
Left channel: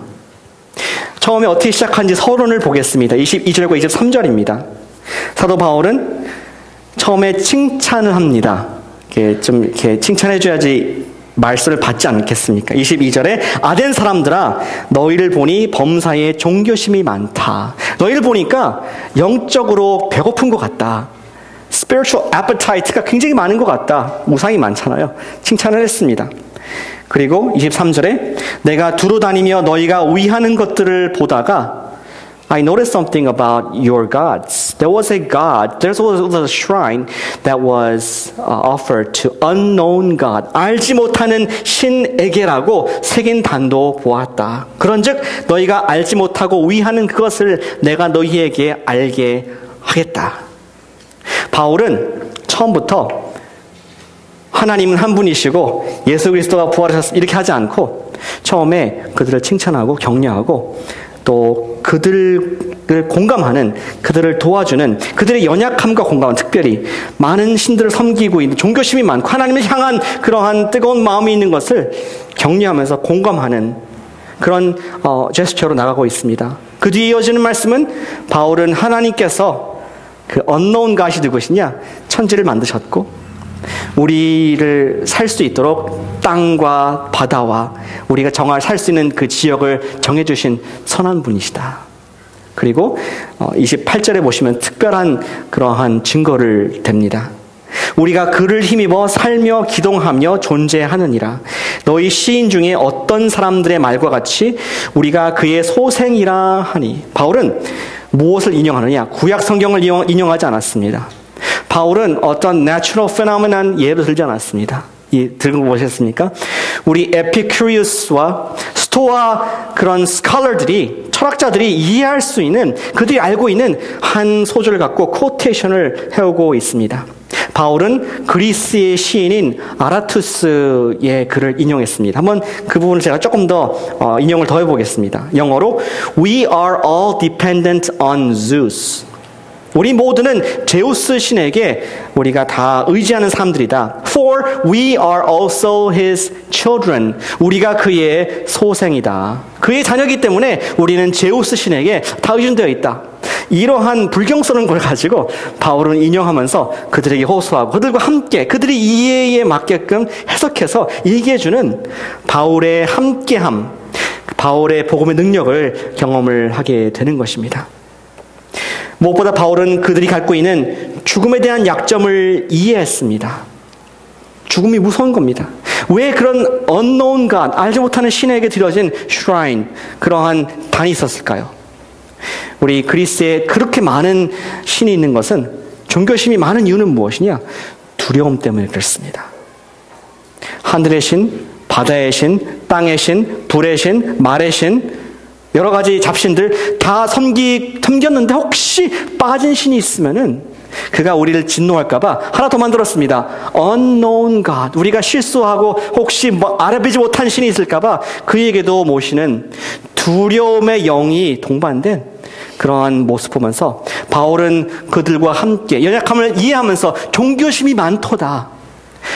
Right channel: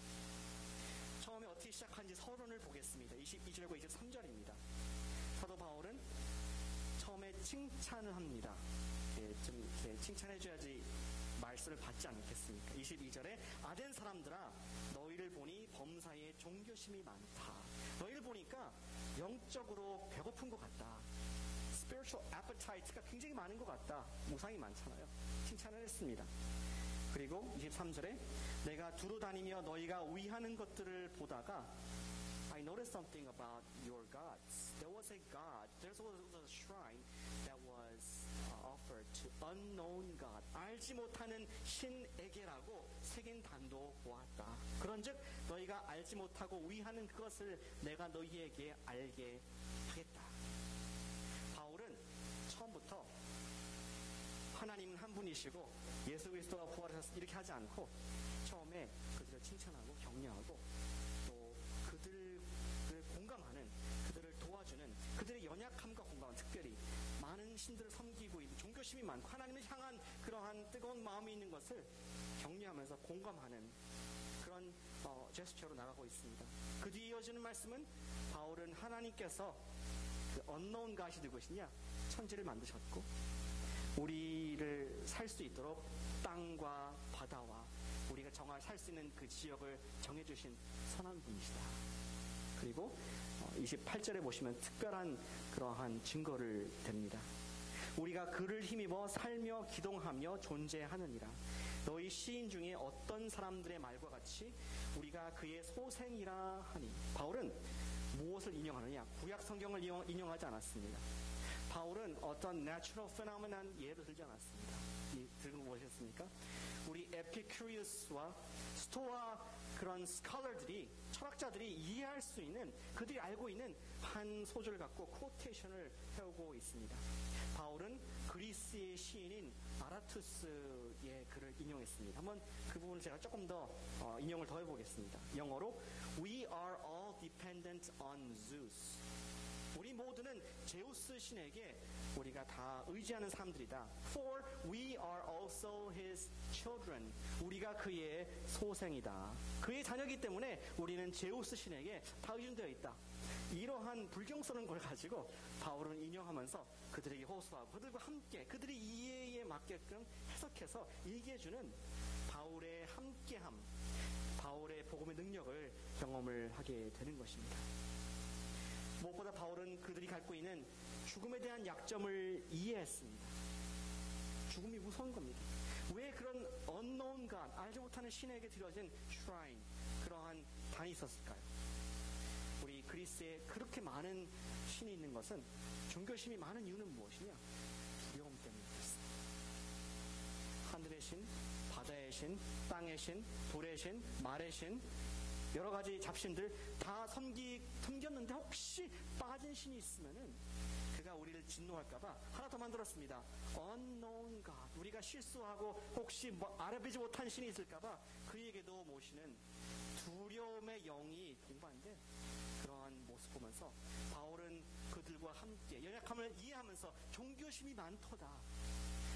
처음에 어떻게 시작한지 서론을 보겠습니다. 22절과 23절입니다. 사도 바울은 처음에 칭찬을 합니다. 이렇게 칭찬해줘야지 말씀을 받지 않겠습니까? 22절에 아덴 사람들아 너희를 보니 범사에 종교심이 많다. 너희를 보니까 영적으로 배고픈 것 같다. spiritual appetite가 굉장히 많은 것 같다. 우상이 많잖아요. 칭찬을 했습니다. 그리고 23절에 내가 두루 다니며 너희가 위하는 것들을 보다가 I noticed something about your gods. There was a god, there was a shrine that was offered to unknown God. 알지 못하는 신에게라고 새긴 단도 보았다. 그런즉 너희가 알지 못하고 위하는 그것을 내가 너희에게 알게 하겠다. 바울은 처음부터 하나님은 한 분이시고 예수 그리스도가 부활하셨다 이렇게 하지 않고 처음에 그들을 칭찬하고 격려하고 또 그들을 공감하는, 그들을 도와주는, 그들의 연약함과 공감하는, 특별히 많은 신들을 섬기고 있는 종교심이 많고 하나님을 향한 그러한 뜨거운 마음이 있는 것을 격려하면서 공감하는 그런 제스처로 나가고 있습니다. 그 뒤에 이어지는 말씀은 바울은 하나님께서 그 unknown God이 누구시냐? 천지를 만드셨고 우리를 살 수 있도록 땅과 바다와 우리가 살 수 있는 그 지역을 정해주신 선한 분이시다. 그리고 28절에 보시면 특별한 그러한 증거를 댑니다. 우리가 그를 힘입어 살며 기동하며 존재하느니라. 너희 시인 중에 어떤 사람들의 말과 같이 우리가 그의 소생이라 하니. 바울은 무엇을 인용하느냐? 구약 성경을 인용하지 않았습니다. 바울은 어떤 natural phenomenon 예를 들지 않았습니다. 들고 보셨습니까? 우리 에피큐리우스와 스토아 그런 스칼러들이, 철학자들이 이해할 수 있는, 그들이 알고 있는 한 소절을 갖고 코테이션을 해오고 있습니다. 바울은 그리스의 시인인 아라투스의 글을 인용했습니다. 한번 그 부분을 제가 조금 더 인용을 더 해보겠습니다. 영어로 We are all dependent on Zeus. 우리 모두는 제우스 신에게 우리가 다 의지하는 사람들이다. For we are also his children. 우리가 그의 소생이다. 그의 자녀이기 때문에 우리는 제우스 신에게 다 의존되어 있다. 이러한 불경스러운 걸 가지고 바울은 인용하면서 그들에게 호소하고 그들과 함께 그들이 이해에 맞게끔 해석해서 얘기해주는 바울의 함께함, 바울의 복음의 능력을 경험을 하게 되는 것입니다. 무엇보다 바울은 그들이 갖고 있는 죽음에 대한 약점을 이해했습니다. 죽음이 무서운 겁니다. 왜 그런 unknown God, 알지 못하는 신에게 드려진 shrine, 그러한 단이 있었을까요? 우리 그리스에 그렇게 많은 신이 있는 것은, 종교심이 많은 이유는 무엇이냐? 두려움 때문에 그렇습니다. 하늘의 신, 바다의 신, 땅의 신, 불의 신, 말의 신, 여러 가지 잡신들 다 섬겼는데 혹시 빠진 신이 있으면은 그가 우리를 진노할까봐 하나 더 만들었습니다. unknown God. 우리가 실수하고 혹시 알아보지 못한 신이 있을까봐 그에게도 모시는 두려움의 영이 동반된 그러한 모습 보면서 바울은 그들과 함께 연약함을 이해하면서 종교심이 많도다.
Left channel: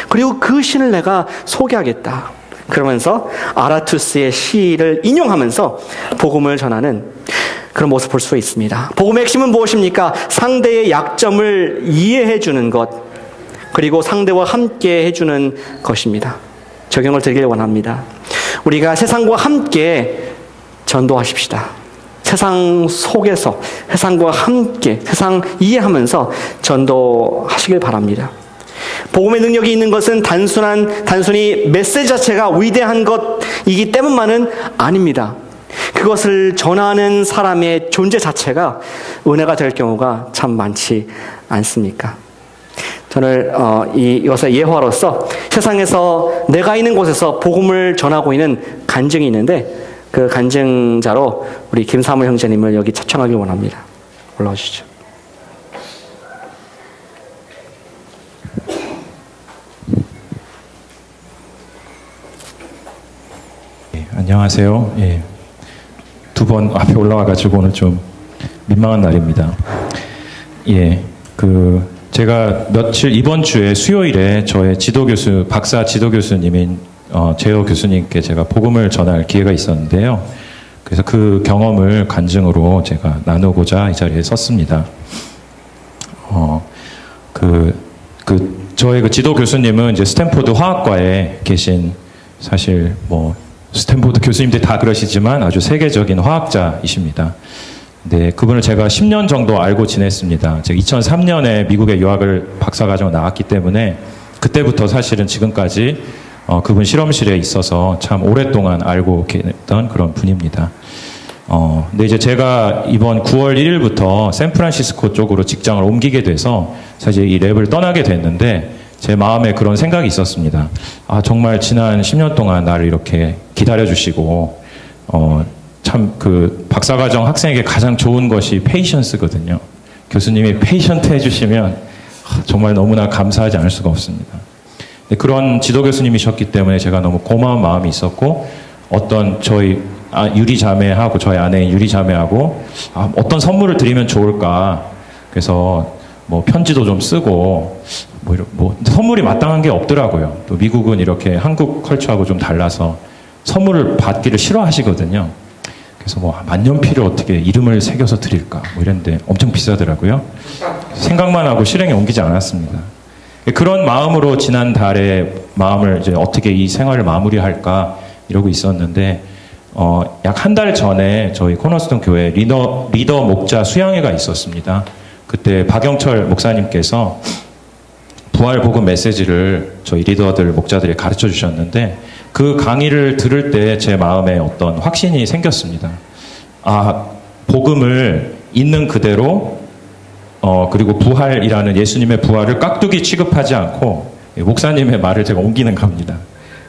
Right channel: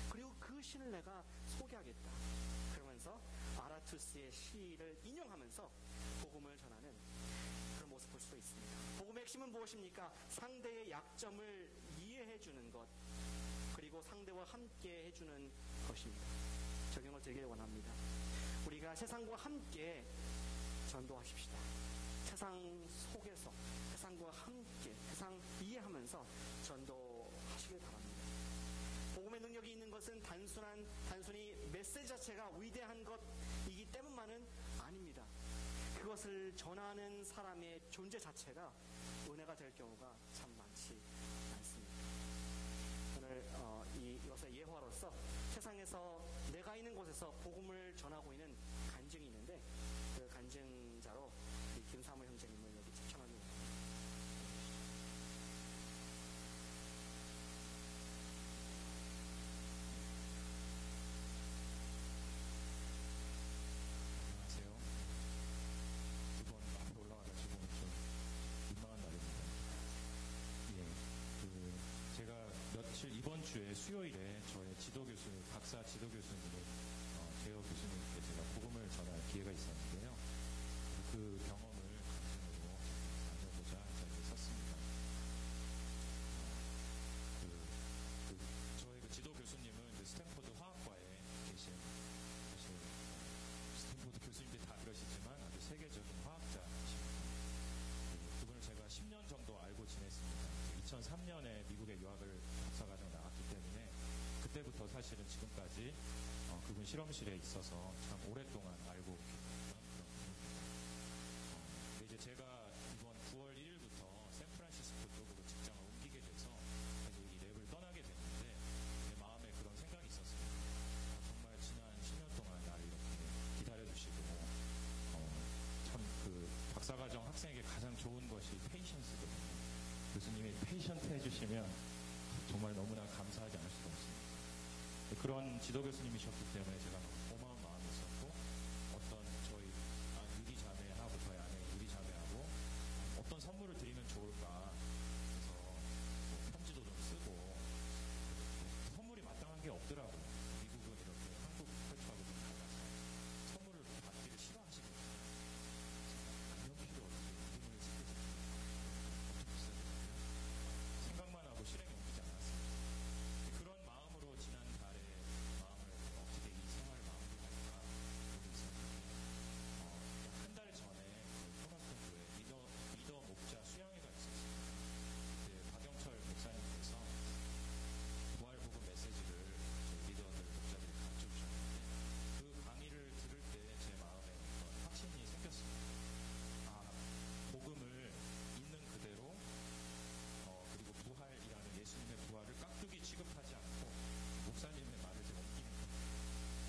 그리고 그 신을 내가 소개하겠다. 그러면서 아라투스의 시를 인용하면서 복음을 전하는 그런 모습을 볼 수 있습니다. 복음의 핵심은 무엇입니까? 상대의 약점을 이해해 주는 것, 그리고 상대와 함께 해주는 것입니다. 적용을 드리길 원합니다. 우리가 세상과 함께 전도하십시다. 세상 속에서 세상과 함께 세상 이해하면서 전도하시길 바랍니다. 복음의 능력이 있는 것은 단순히 메시지 자체가 위대한 것이기 때문만은 아닙니다. 그것을 전하는 사람의 존재 자체가 은혜가 될 경우가 참 많지 않습니까? 저는 이것의 예화로서 세상에서 내가 있는 곳에서 복음을 전하고 있는 간증이 있는데 그 간증자로 우리 김사무 형제님을 여기 초청하길 원합니다. 올라와 주시죠. 안녕하세요. 예. 두 번 앞에 올라와가지고 오늘 좀 민망한 날입니다. 예, 제가 이번 주에 수요일에 저의 지도교수, 박사 지도교수님인 제어 교수님께 제가 복음을 전할 기회가 있었는데요. 그래서 그 경험을 간증으로 제가 나누고자 이 자리에 섰습니다. 저의 지도 교수님은 이제 스탠포드 화학과에 계신, 사실 스탠포드 교수님들이 다 그러시지만 아주 세계적인 화학자이십니다. 네, 그분을 제가 10년 정도 알고 지냈습니다. 제가 2003년에 미국에 유학을 박사과정을 나왔기 때문에 그때부터 사실은 지금까지 그분 실험실에 있어서 참 오랫동안 알고 계던 그런 분입니다. 근데 이제 제가 이번 9월 1일부터 샌프란시스코 쪽으로 직장을 옮기게 돼서 사실 이 랩을 떠나게 됐는데 제 마음에 그런 생각이 있었습니다. 아, 정말 지난 10년 동안 나를 이렇게 기다려주시고, 참 박사과정 학생에게 가장 좋은 것이 페이션스거든요. 교수님이 페이션트 해주시면 정말 너무나 감사하지 않을 수가 없습니다. 그런 지도 교수님이셨기 때문에 제가 너무 고마운 마음이 있었고, 저희 유리 자매하고 저희 아내인 유리 자매하고 어떤 선물을 드리면 좋을까. 그래서 편지도 좀 쓰고 선물이 마땅한 게 없더라고요. 또 미국은 이렇게 한국 컬처하고 좀 달라서 선물을 받기를 싫어하시거든요. 그래서 만년필을 어떻게 이름을 새겨서 드릴까 이랬는데 엄청 비싸더라고요. 생각만 하고 실행에 옮기지 않았습니다. 그런 마음으로 지난달에 마음을 이제 어떻게 이 생활을 마무리할까 이러고 있었는데 약 한 달 전에 저희 코너스톤 교회 리더 목자 수양회가 있었습니다. 그때 박영철 목사님께서 부활 복음 메시지를 저희 리더들 목자들이 가르쳐 주셨는데 그 강의를 들을 때 제 마음에 어떤 확신이 생겼습니다. 아, 복음을 있는 그대로 그리고 부활이라는 예수님의 부활을 깍두기 취급하지 않고 목사님의 말을 제가 옮기는 겁니다.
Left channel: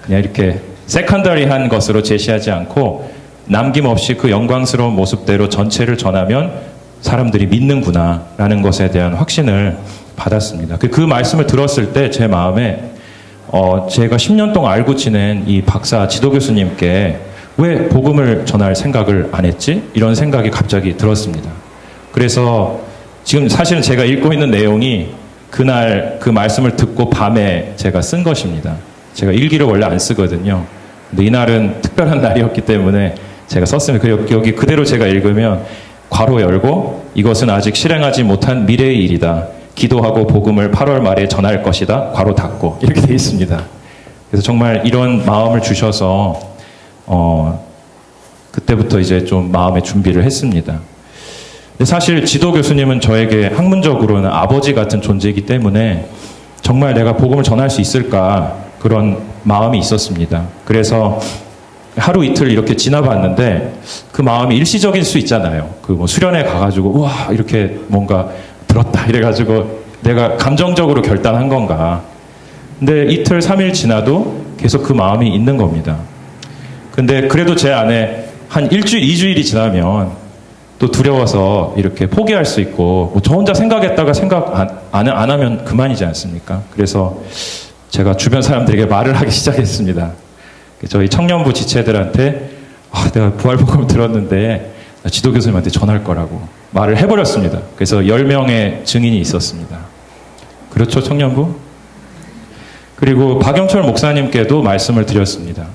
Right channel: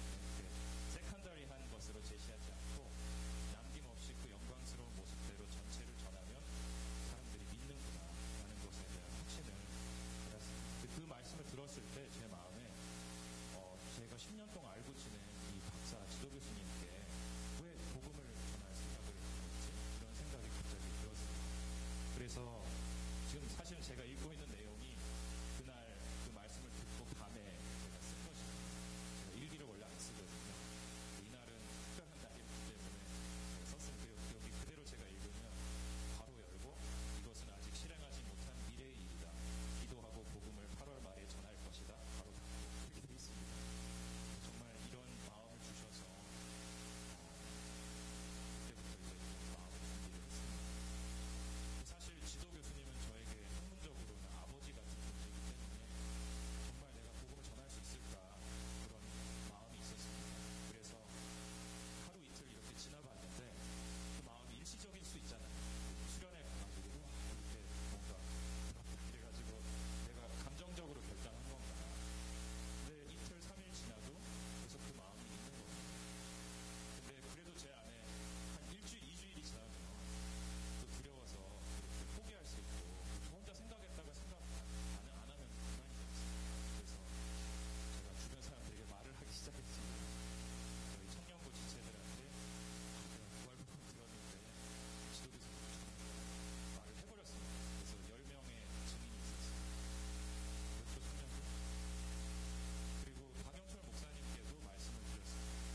그냥 이렇게 세컨더리한 것으로 제시하지 않고 남김없이 그 영광스러운 모습대로 전체를 전하면 사람들이 믿는구나 라는 것에 대한 확신을 받았습니다. 그 말씀을 들었을 때 제 마음에 제가 10년 동안 알고 지낸 이 박사 지도교수님께 왜 복음을 전할 생각을 안 했지? 이런 생각이 갑자기 들었습니다. 그래서 지금 사실은 제가 읽고 있는 내용이 그날 그 말씀을 듣고 밤에 제가 쓴 것입니다. 제가 일기를 원래 안 쓰거든요. 근데 이날은 특별한 날이었기 때문에 제가 썼습니다. 여기 그대로 제가 읽으면 괄호 열고 이것은 아직 실행하지 못한 미래의 일이다. 기도하고 복음을 8월 말에 전할 것이다. 괄호 닫고 이렇게 돼 있습니다. 그래서 정말 이런 마음을 주셔서 그때부터 이제 좀 마음의 준비를 했습니다. 근데 사실 지도 교수님은 저에게 학문적으로는 아버지 같은 존재이기 때문에 정말 내가 복음을 전할 수 있을까 그런 마음이 있었습니다. 그래서 하루 이틀 이렇게 지나봤는데 그 마음이 일시적일 수 있잖아요. 수련회 가가지고 와 이렇게 뭔가 들었다 이래가지고 내가 감정적으로 결단한 건가. 근데 이틀 3일 지나도 계속 그 마음이 있는 겁니다. 근데 그래도 제 안에 한 일주일 2주일이 지나면 또 두려워서 이렇게 포기할 수 있고 저 혼자 생각했다가 생각 안 하면 그만이지 않습니까? 그래서 제가 주변 사람들에게 말을 하기 시작했습니다. 저희 청년부 지체들한테 내가 부활복음 들었는데 지도 교수님한테 전할 거라고 말을 해버렸습니다. 그래서 10명의 증인이 있었습니다. 그렇죠, 청년부? 그리고 박영철 목사님께도 말씀을 드렸습니다.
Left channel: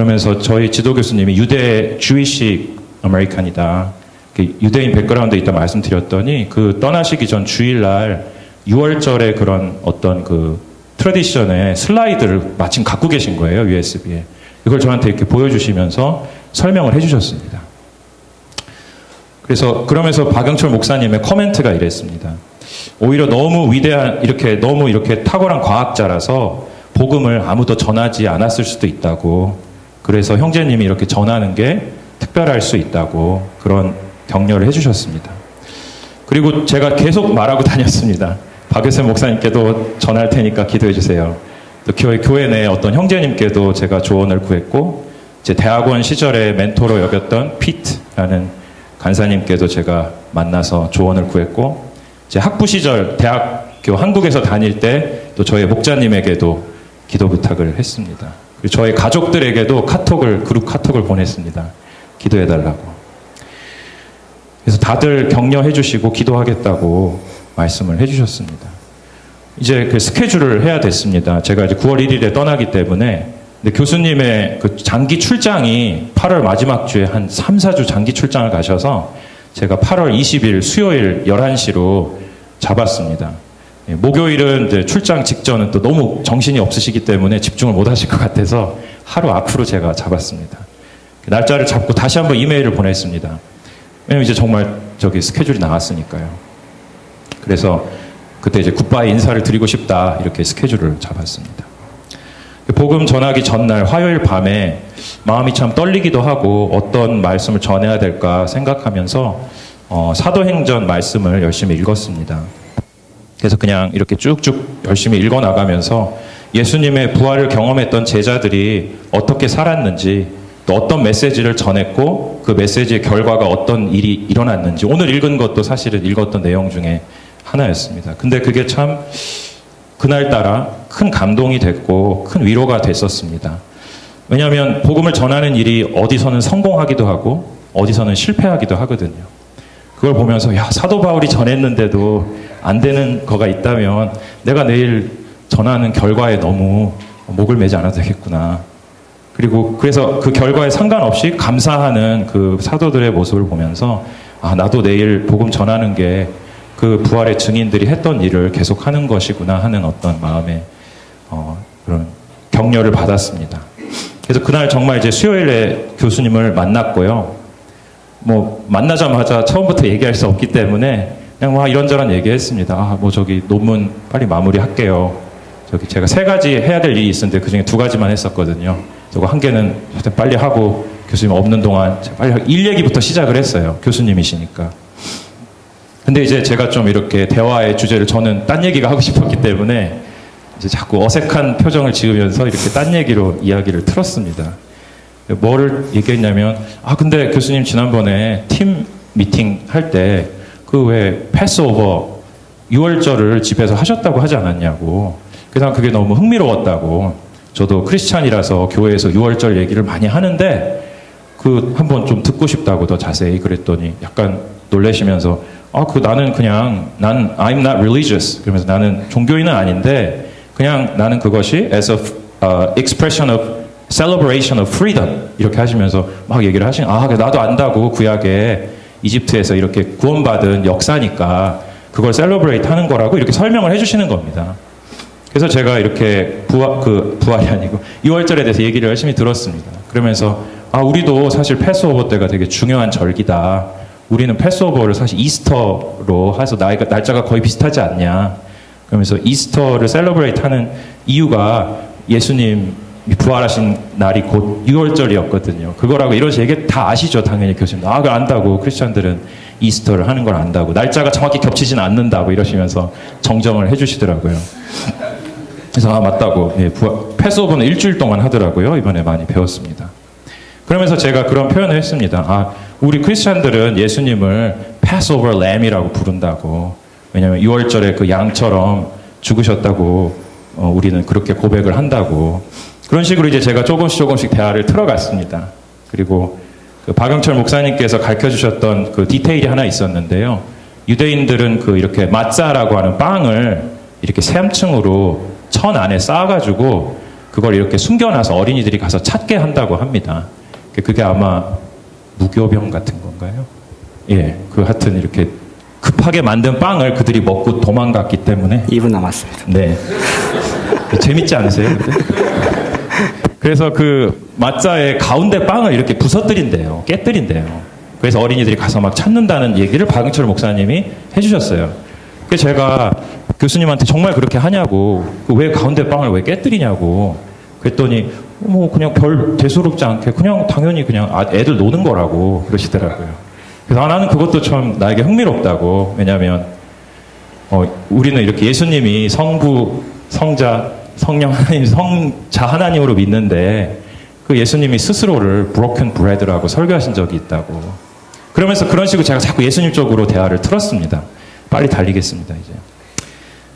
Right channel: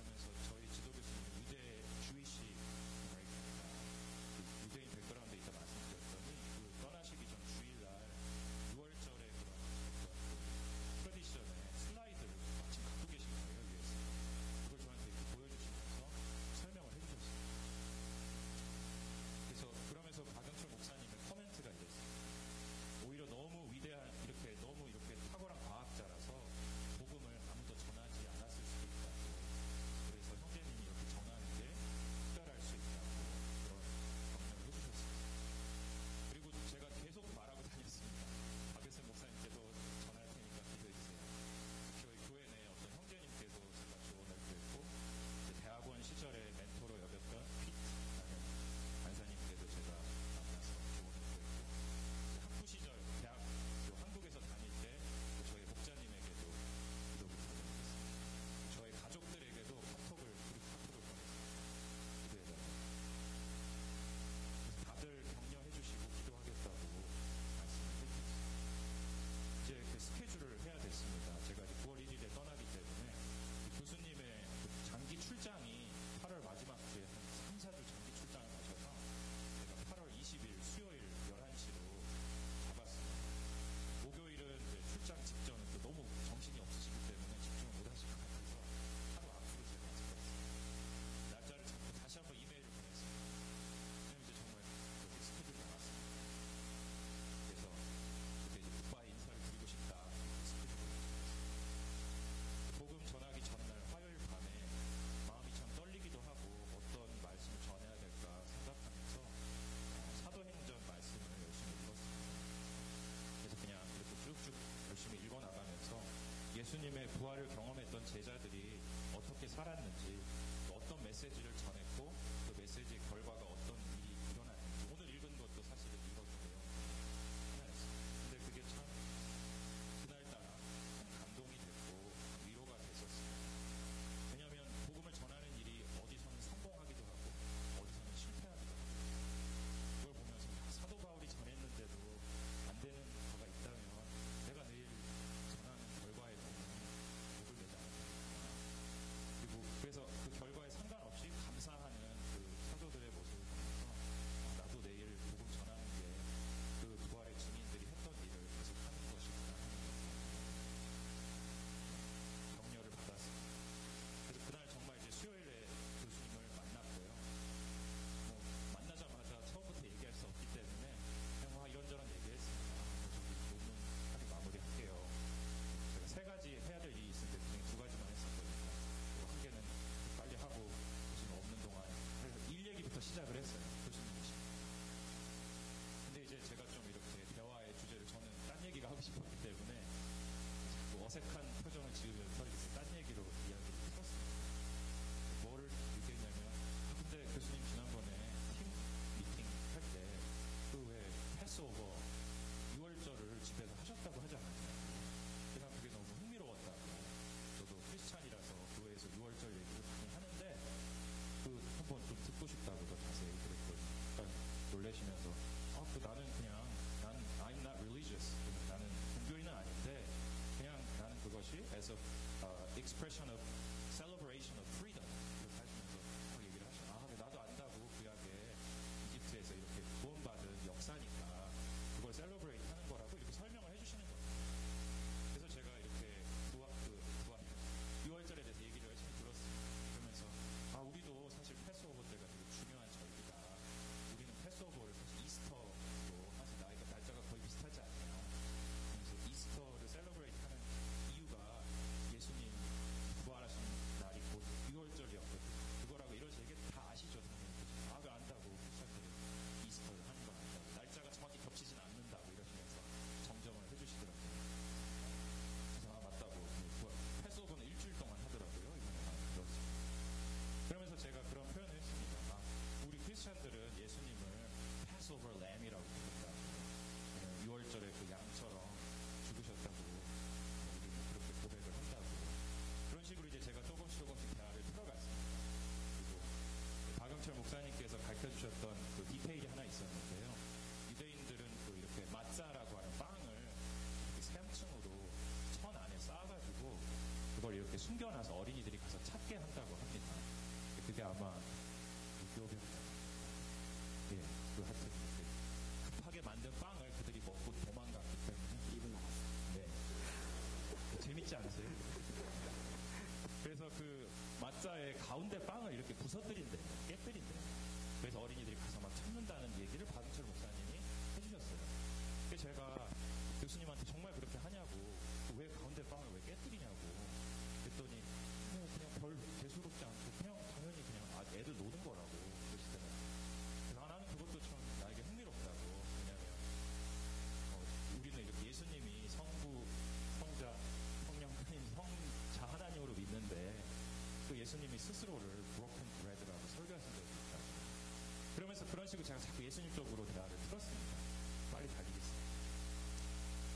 그러면서 저희 지도 교수님이 유대 주이시 아메리칸이다. 유대인 백그라운드에 있다 말씀드렸더니 그 떠나시기 전 주일날 6월절에 그런 어떤 그 트래디션의 슬라이드를 마침 갖고 계신 거예요, USB에. 이걸 저한테 이렇게 보여주시면서 설명을 해주셨습니다. 그래서 그러면서 박영철 목사님의 코멘트가 이랬습니다. 오히려 너무 위대한, 너무 이렇게 탁월한 과학자라서 복음을 아무도 전하지 않았을 수도 있다고. 그래서 형제님이 이렇게 전하는 게 특별할 수 있다고 그런 격려를 해주셨습니다. 그리고 제가 계속 말하고 다녔습니다. 박효선 목사님께도 전할 테니까 기도해 주세요. 또 교회 내 어떤 형제님께도 제가 조언을 구했고, 제 대학원 시절에 멘토로 여겼던 피트라는 간사님께도 제가 만나서 조언을 구했고, 제 학부 시절 대학교 한국에서 다닐 때 또 저희 목자님에게도 기도 부탁을 했습니다. 그리고 저희 가족들에게도 그룹 카톡을 보냈습니다. 기도해달라고. 그래서 다들 격려해 주시고 기도하겠다고 말씀을 해주셨습니다. 이제 그 스케줄을 해야 됐습니다. 제가 이제 9월 1일에 떠나기 때문에, 근데 교수님의 그 장기 출장이 8월 마지막 주에 한 3, 4주 장기 출장을 가셔서 제가 8월 20일 수요일 11시로 잡았습니다. 목요일은 이제 출장 직전은 또 너무 정신이 없으시기 때문에 집중을 못 하실 것 같아서 하루 앞으로 제가 잡았습니다. 날짜를 잡고 다시 한번 이메일을 보냈습니다. 왜냐면 이제 정말 스케줄이 나왔으니까요. 그래서 그때 이제 굿바이 인사를 드리고 싶다, 이렇게 스케줄을 잡았습니다. 복음 전하기 전날 화요일 밤에 마음이 참 떨리기도 하고 어떤 말씀을 전해야 될까 생각하면서 사도행전 말씀을 열심히 읽었습니다. 그래서 그냥 이렇게 쭉쭉 열심히 읽어나가면서 예수님의 부활을 경험했던 제자들이 어떻게 살았는지, 또 어떤 메시지를 전했고 그 메시지의 결과가 어떤 일이 일어났는지, 오늘 읽은 것도 사실은 읽었던 내용 중에 하나였습니다. 근데 그게 참 그날따라 큰 감동이 됐고 큰 위로가 됐었습니다. 왜냐하면 복음을 전하는 일이 어디서는 성공하기도 하고 어디서는 실패하기도 하거든요. 그걸 보면서 사도 바울이 전했는데도 안 되는 거가 있다면 내가 내일 전하는 결과에 너무 목을 매지 않아도 되겠구나. 그래서 그 결과에 상관없이 감사하는 그 사도들의 모습을 보면서 나도 내일 복음 전하는 게 그 부활의 증인들이 했던 일을 계속하는 것이구나 하는 어떤 마음의 그런 격려를 받았습니다. 그래서 그날 정말 이제 수요일에 교수님을 만났고요. 만나자마자 처음부터 얘기할 수 없기 때문에 그냥 이런저런 얘기했습니다. 저기 논문 빨리 마무리할게요. 제가 3가지 해야 될 일이 있었는데 그중에 2가지만 했었거든요. 저거 1개는 빨리 하고 교수님 없는 동안 빨리 일 얘기부터 시작을 했어요. 교수님이시니까. 근데 이제 제가 좀 이렇게 대화의 주제를 저는 딴 얘기가 하고 싶었기 때문에 이제 자꾸 어색한 표정을 지으면서 이렇게 딴 얘기로 이야기를 틀었습니다. 뭐를 얘기했냐면, 근데 교수님 지난번에 팀 미팅 할 때 그 왜 패스오버 6월절을 집에서 하셨다고 하지 않았냐고. 그래서 그게 너무 흥미로웠다고. 저도 크리스찬이라서 교회에서 6월절 얘기를 많이 하는데 한번 좀 듣고 싶다고 더 자세히 그랬더니 약간 놀라시면서 나는 난 I'm not religious. 그러면서 나는 종교인은 아닌데 그냥 나는 그것이 as a expression of celebration of freedom 이렇게 하시면서 막 얘기를 나도 안다고. 구약에 이집트에서 이렇게 구원받은 역사니까 그걸 셀러브레이트 하는 거라고 이렇게 설명을 해주시는 겁니다. 그래서 제가 이렇게 부활이 아니고 6월절에 대해서 얘기를 열심히 들었습니다. 그러면서 우리도 사실 패스오버 때가 되게 중요한 절기다. 우리는 패스오버를 사실 이스터로 해서 날짜가 거의 비슷하지 않냐. 그러면서 이스터를 셀러브레이트 하는 이유가 예수님이 부활하신 날이 곧 6월절이었거든요. 그거라고 이런 얘기 다 아시죠, 당연히 교수님. 그걸 안다고. 크리스천들은 이스터를 하는 걸 안다고. 날짜가 정확히 겹치진 않는다고 이러시면서 정정을 해주시더라고요. 그래서 맞다고. 패스오버는 일주일 동안 하더라고요. 이번에 많이 배웠습니다. 그러면서 제가 그런 표현을 했습니다. 우리 크리스찬들은 예수님을 패스오버 램이라고 부른다고. 왜냐하면 6월절에 그 양처럼 죽으셨다고 우리는 그렇게 고백을 한다고. 그런 식으로 이제 제가 조금씩 대화를 틀어갔습니다. 그리고 그 박영철 목사님께서 가르쳐주셨던 그 디테일이 하나 있었는데요. 유대인들은 이렇게 마짜라고 하는 빵을 이렇게 3층으로 천 안에 쌓아가지고 그걸 이렇게 숨겨놔서 어린이들이 가서 찾게 한다고 합니다. 그게 아마 무교병 같은 건가요? 예, 그 하여튼 이렇게 급하게 만든 빵을 그들이 먹고 도망갔기 때문에 2분 남았습니다. 네. 재밌지 않으세요? 그래서 그 맞자의 가운데 빵을 이렇게 부서뜨린대요. 깨뜨린대요. 그래서 어린이들이 가서 막 찾는다는 얘기를 박응철 목사님이 해주셨어요. 그래서 제가 교수님한테 정말 그렇게 하냐고, 왜 가운데 빵을 왜 깨뜨리냐고 그랬더니 뭐 그냥 별 대수롭지 않게 그냥 당연히 그냥 애들 노는 거라고 그러시더라고요. 그래서 나는 그것도 참 나에게 흥미롭다고. 왜냐하면 우리는 이렇게 예수님이 성부, 성자, 성령 하나님, 성자 하나님으로 믿는데 그 예수님이 스스로를 broken bread라고 설교하신 적이 있다고. 그러면서 그런 식으로 제가 자꾸 예수님 쪽으로 대화를 틀었습니다. 빨리 달리겠습니다, 이제.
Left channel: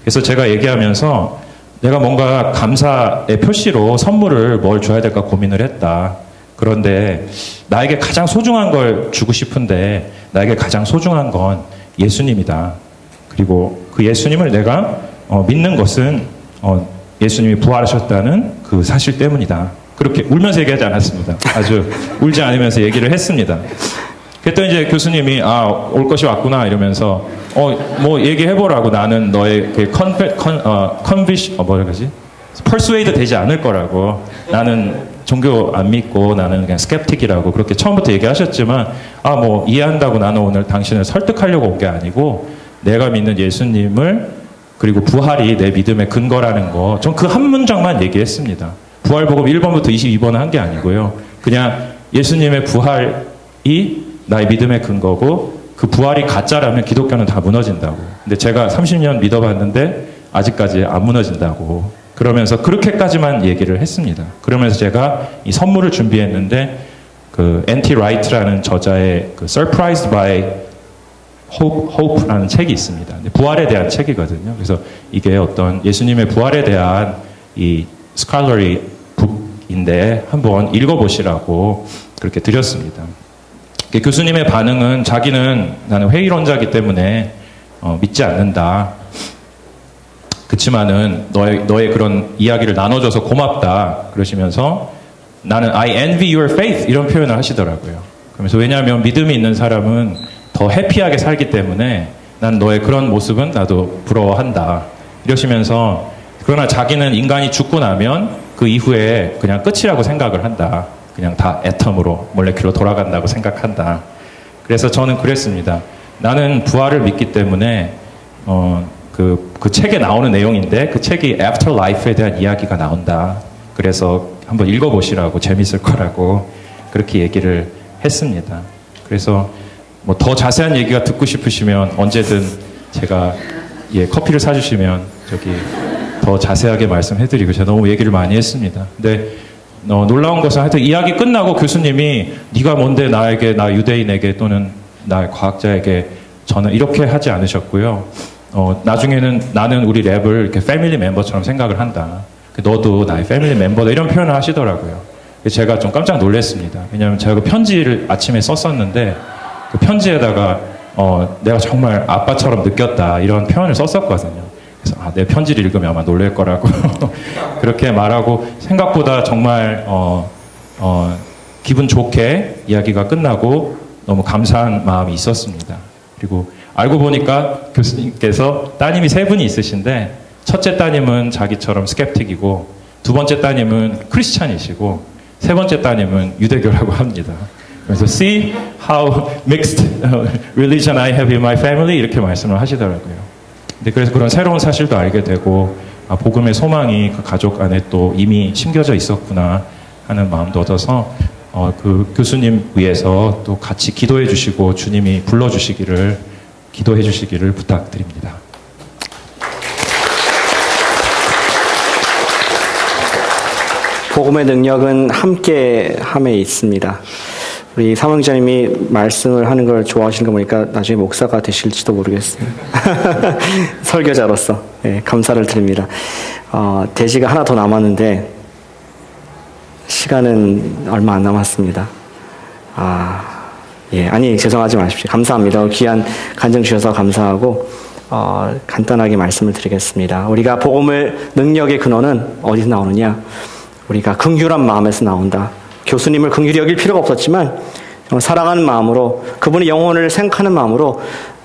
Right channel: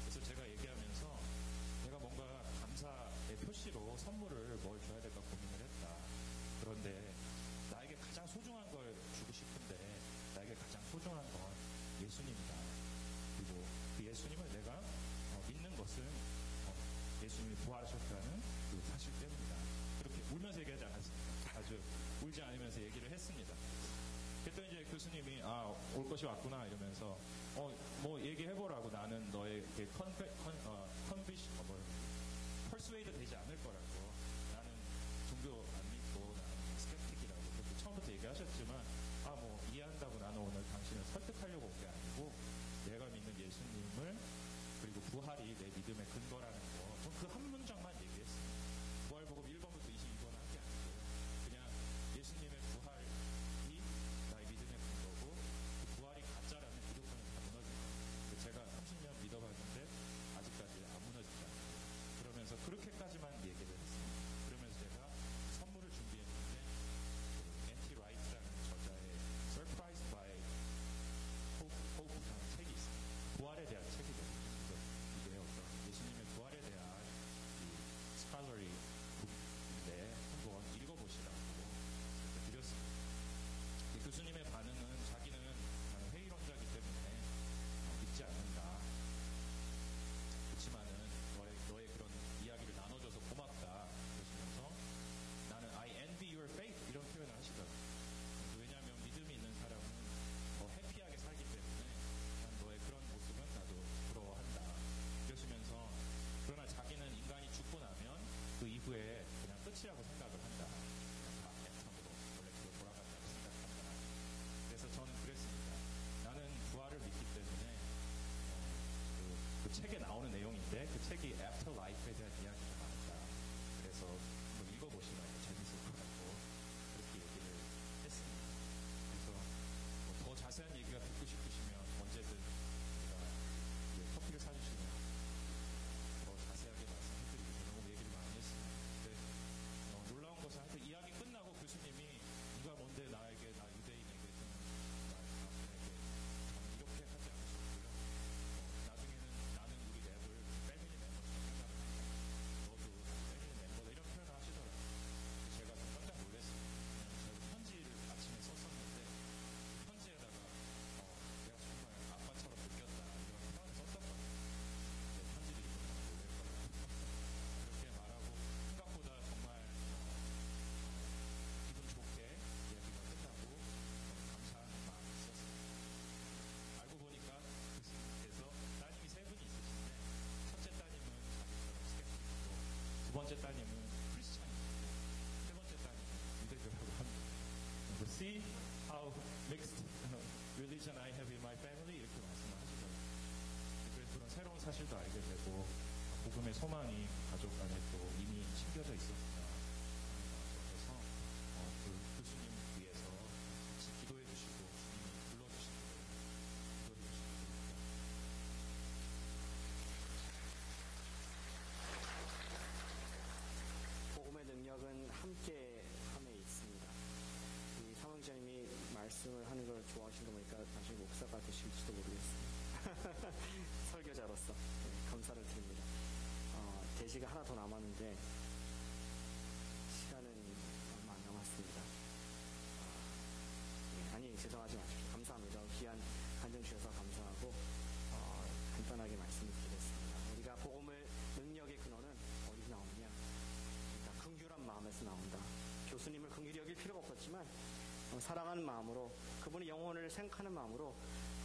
그래서 제가 얘기하면서 내가 뭔가 감사의 표시로 선물을 뭘 줘야 될까 고민을 했다. 그런데 나에게 가장 소중한 걸 주고 싶은데 나에게 가장 소중한 건 예수님이다. 그리고 그 예수님을 내가 믿는 것은 예수님이 부활하셨다는 그 사실 때문이다. 그렇게 울면서 얘기하지 않았습니다. 아주 울지 않으면서 얘기를 했습니다. 그랬더니 이제 교수님이 올 것이 왔구나 이러면서 뭐 얘기해보라고. 나는 너의 그 뭐라 그러지? persuade 되지 않을 거라고. 나는 종교 안 믿고 나는 그냥 스캡틱이라고 그렇게 처음부터 얘기하셨지만 뭐 이해한다고 나는 오늘 당신을 설득하려고 온 게 아니고 내가 믿는 예수님을 그리고 부활이 내 믿음의 근거라는 거 전 그 한 문장만 얘기했습니다. 부활복음 1번부터 22번은 한 게 아니고요. 그냥 예수님의 부활이 나의 믿음의 근거고 그 부활이 가짜라면 기독교는 다 무너진다고. 근데 제가 30년 믿어봤는데 아직까지 안 무너진다고. 그러면서 그렇게까지만 얘기를 했습니다. 그러면서 제가 이 선물을 준비했는데 그 N.T. 라이트라는 저자의 그 Surprised by Hope라는 책이 있습니다. 부활에 대한 책이거든요. 그래서 이게 어떤 예수님의 부활에 대한 이 scholarly 북인데 한번 읽어보시라고 그렇게 드렸습니다. 교수님의 반응은 자기는 나는 회의론자이기 때문에 믿지 않는다. 그치만은 너의 그런 이야기를 나눠줘서 고맙다. 그러시면서 나는 I envy your faith 이런 표현을 하시더라고요. 그러면서 왜냐하면 믿음이 있는 사람은 더 해피하게 살기 때문에 난 너의 그런 모습은 나도 부러워한다. 이러시면서 그러나 자기는 인간이 죽고 나면 그 이후에 그냥 끝이라고 생각을 한다. 그냥 다 애텀으로 몰레큘로 돌아간다고 생각한다. 그래서 저는 그랬습니다. 나는 부활을 믿기 때문에 그 책에 나오는 내용인데 그 책이 애프터라이프에 대한 이야기가 나온다. 그래서 한번 읽어보시라고 재밌을 거라고 그렇게 얘기를 했습니다. 그래서 뭐 더 자세한 얘기가 듣고 싶으시면 언제든 제가 커피를 사주시면 저기 더 자세하게 말씀해드리고 제가 너무 얘기를 많이 했습니다. 근데 놀라운 것은 하여튼 이야기 끝나고 교수님이 네가 뭔데 나 유대인에게 또는 나 과학자에게 저는 이렇게 하지 않으셨고요. 나중에는 나는 우리 랩을 이렇게 패밀리 멤버처럼 생각을 한다. 너도 나의 패밀리 멤버다 이런 표현을 하시더라고요. 제가 좀 깜짝 놀랐습니다. 왜냐하면 제가 그 편지를 아침에 썼었는데 그 편지에다가 내가 정말 아빠처럼 느꼈다 이런 표현을 썼었거든요. 그래서 내 편지를 읽으면 아마 놀랄 거라고 그렇게 말하고 생각보다 정말 기분 좋게 이야기가 끝나고 너무 감사한 마음이 있었습니다. 그리고 알고 보니까 교수님께서 따님이 3분이 있으신데 첫째 따님은 자기처럼 스캡틱이고 두 번째 따님은 크리스찬이시고 세 번째 따님은 유대교라고 합니다. 그래서 see how mixed religion I have in my family 이렇게 말씀을 하시더라고요. 그래서 그런 새로운 사실도 알게 되고 복음의 소망이 그 가족 안에 또 이미 심겨져 있었구나 하는 마음도 얻어서 그 교수님 위해서 또 같이 기도해 주시고 주님이 불러주시기를 기도해 주시기를 부탁드립니다. 복음의 능력은 함께함에 있습니다. 우리 사명자님이 말씀을 하는 걸 좋아하시는 거 보니까 나중에 목사가 되실지도 모르겠어요. 설교자로서 감사를 드립니다. 대지가 하나 더 남았는데 시간은 얼마 안 남았습니다. 아니 죄송하지 마십시오. 감사합니다. 귀한 간증 주셔서 감사하고 간단하게 말씀을 드리겠습니다. 우리가 복음의 능력의 근원은 어디서 나오느냐? 우리가 긍휼한 마음에서 나온다. 교수님을 긍휼히 여길 필요가 없었지만 사랑하는 마음으로 그분의 영혼을 생각하는 마음으로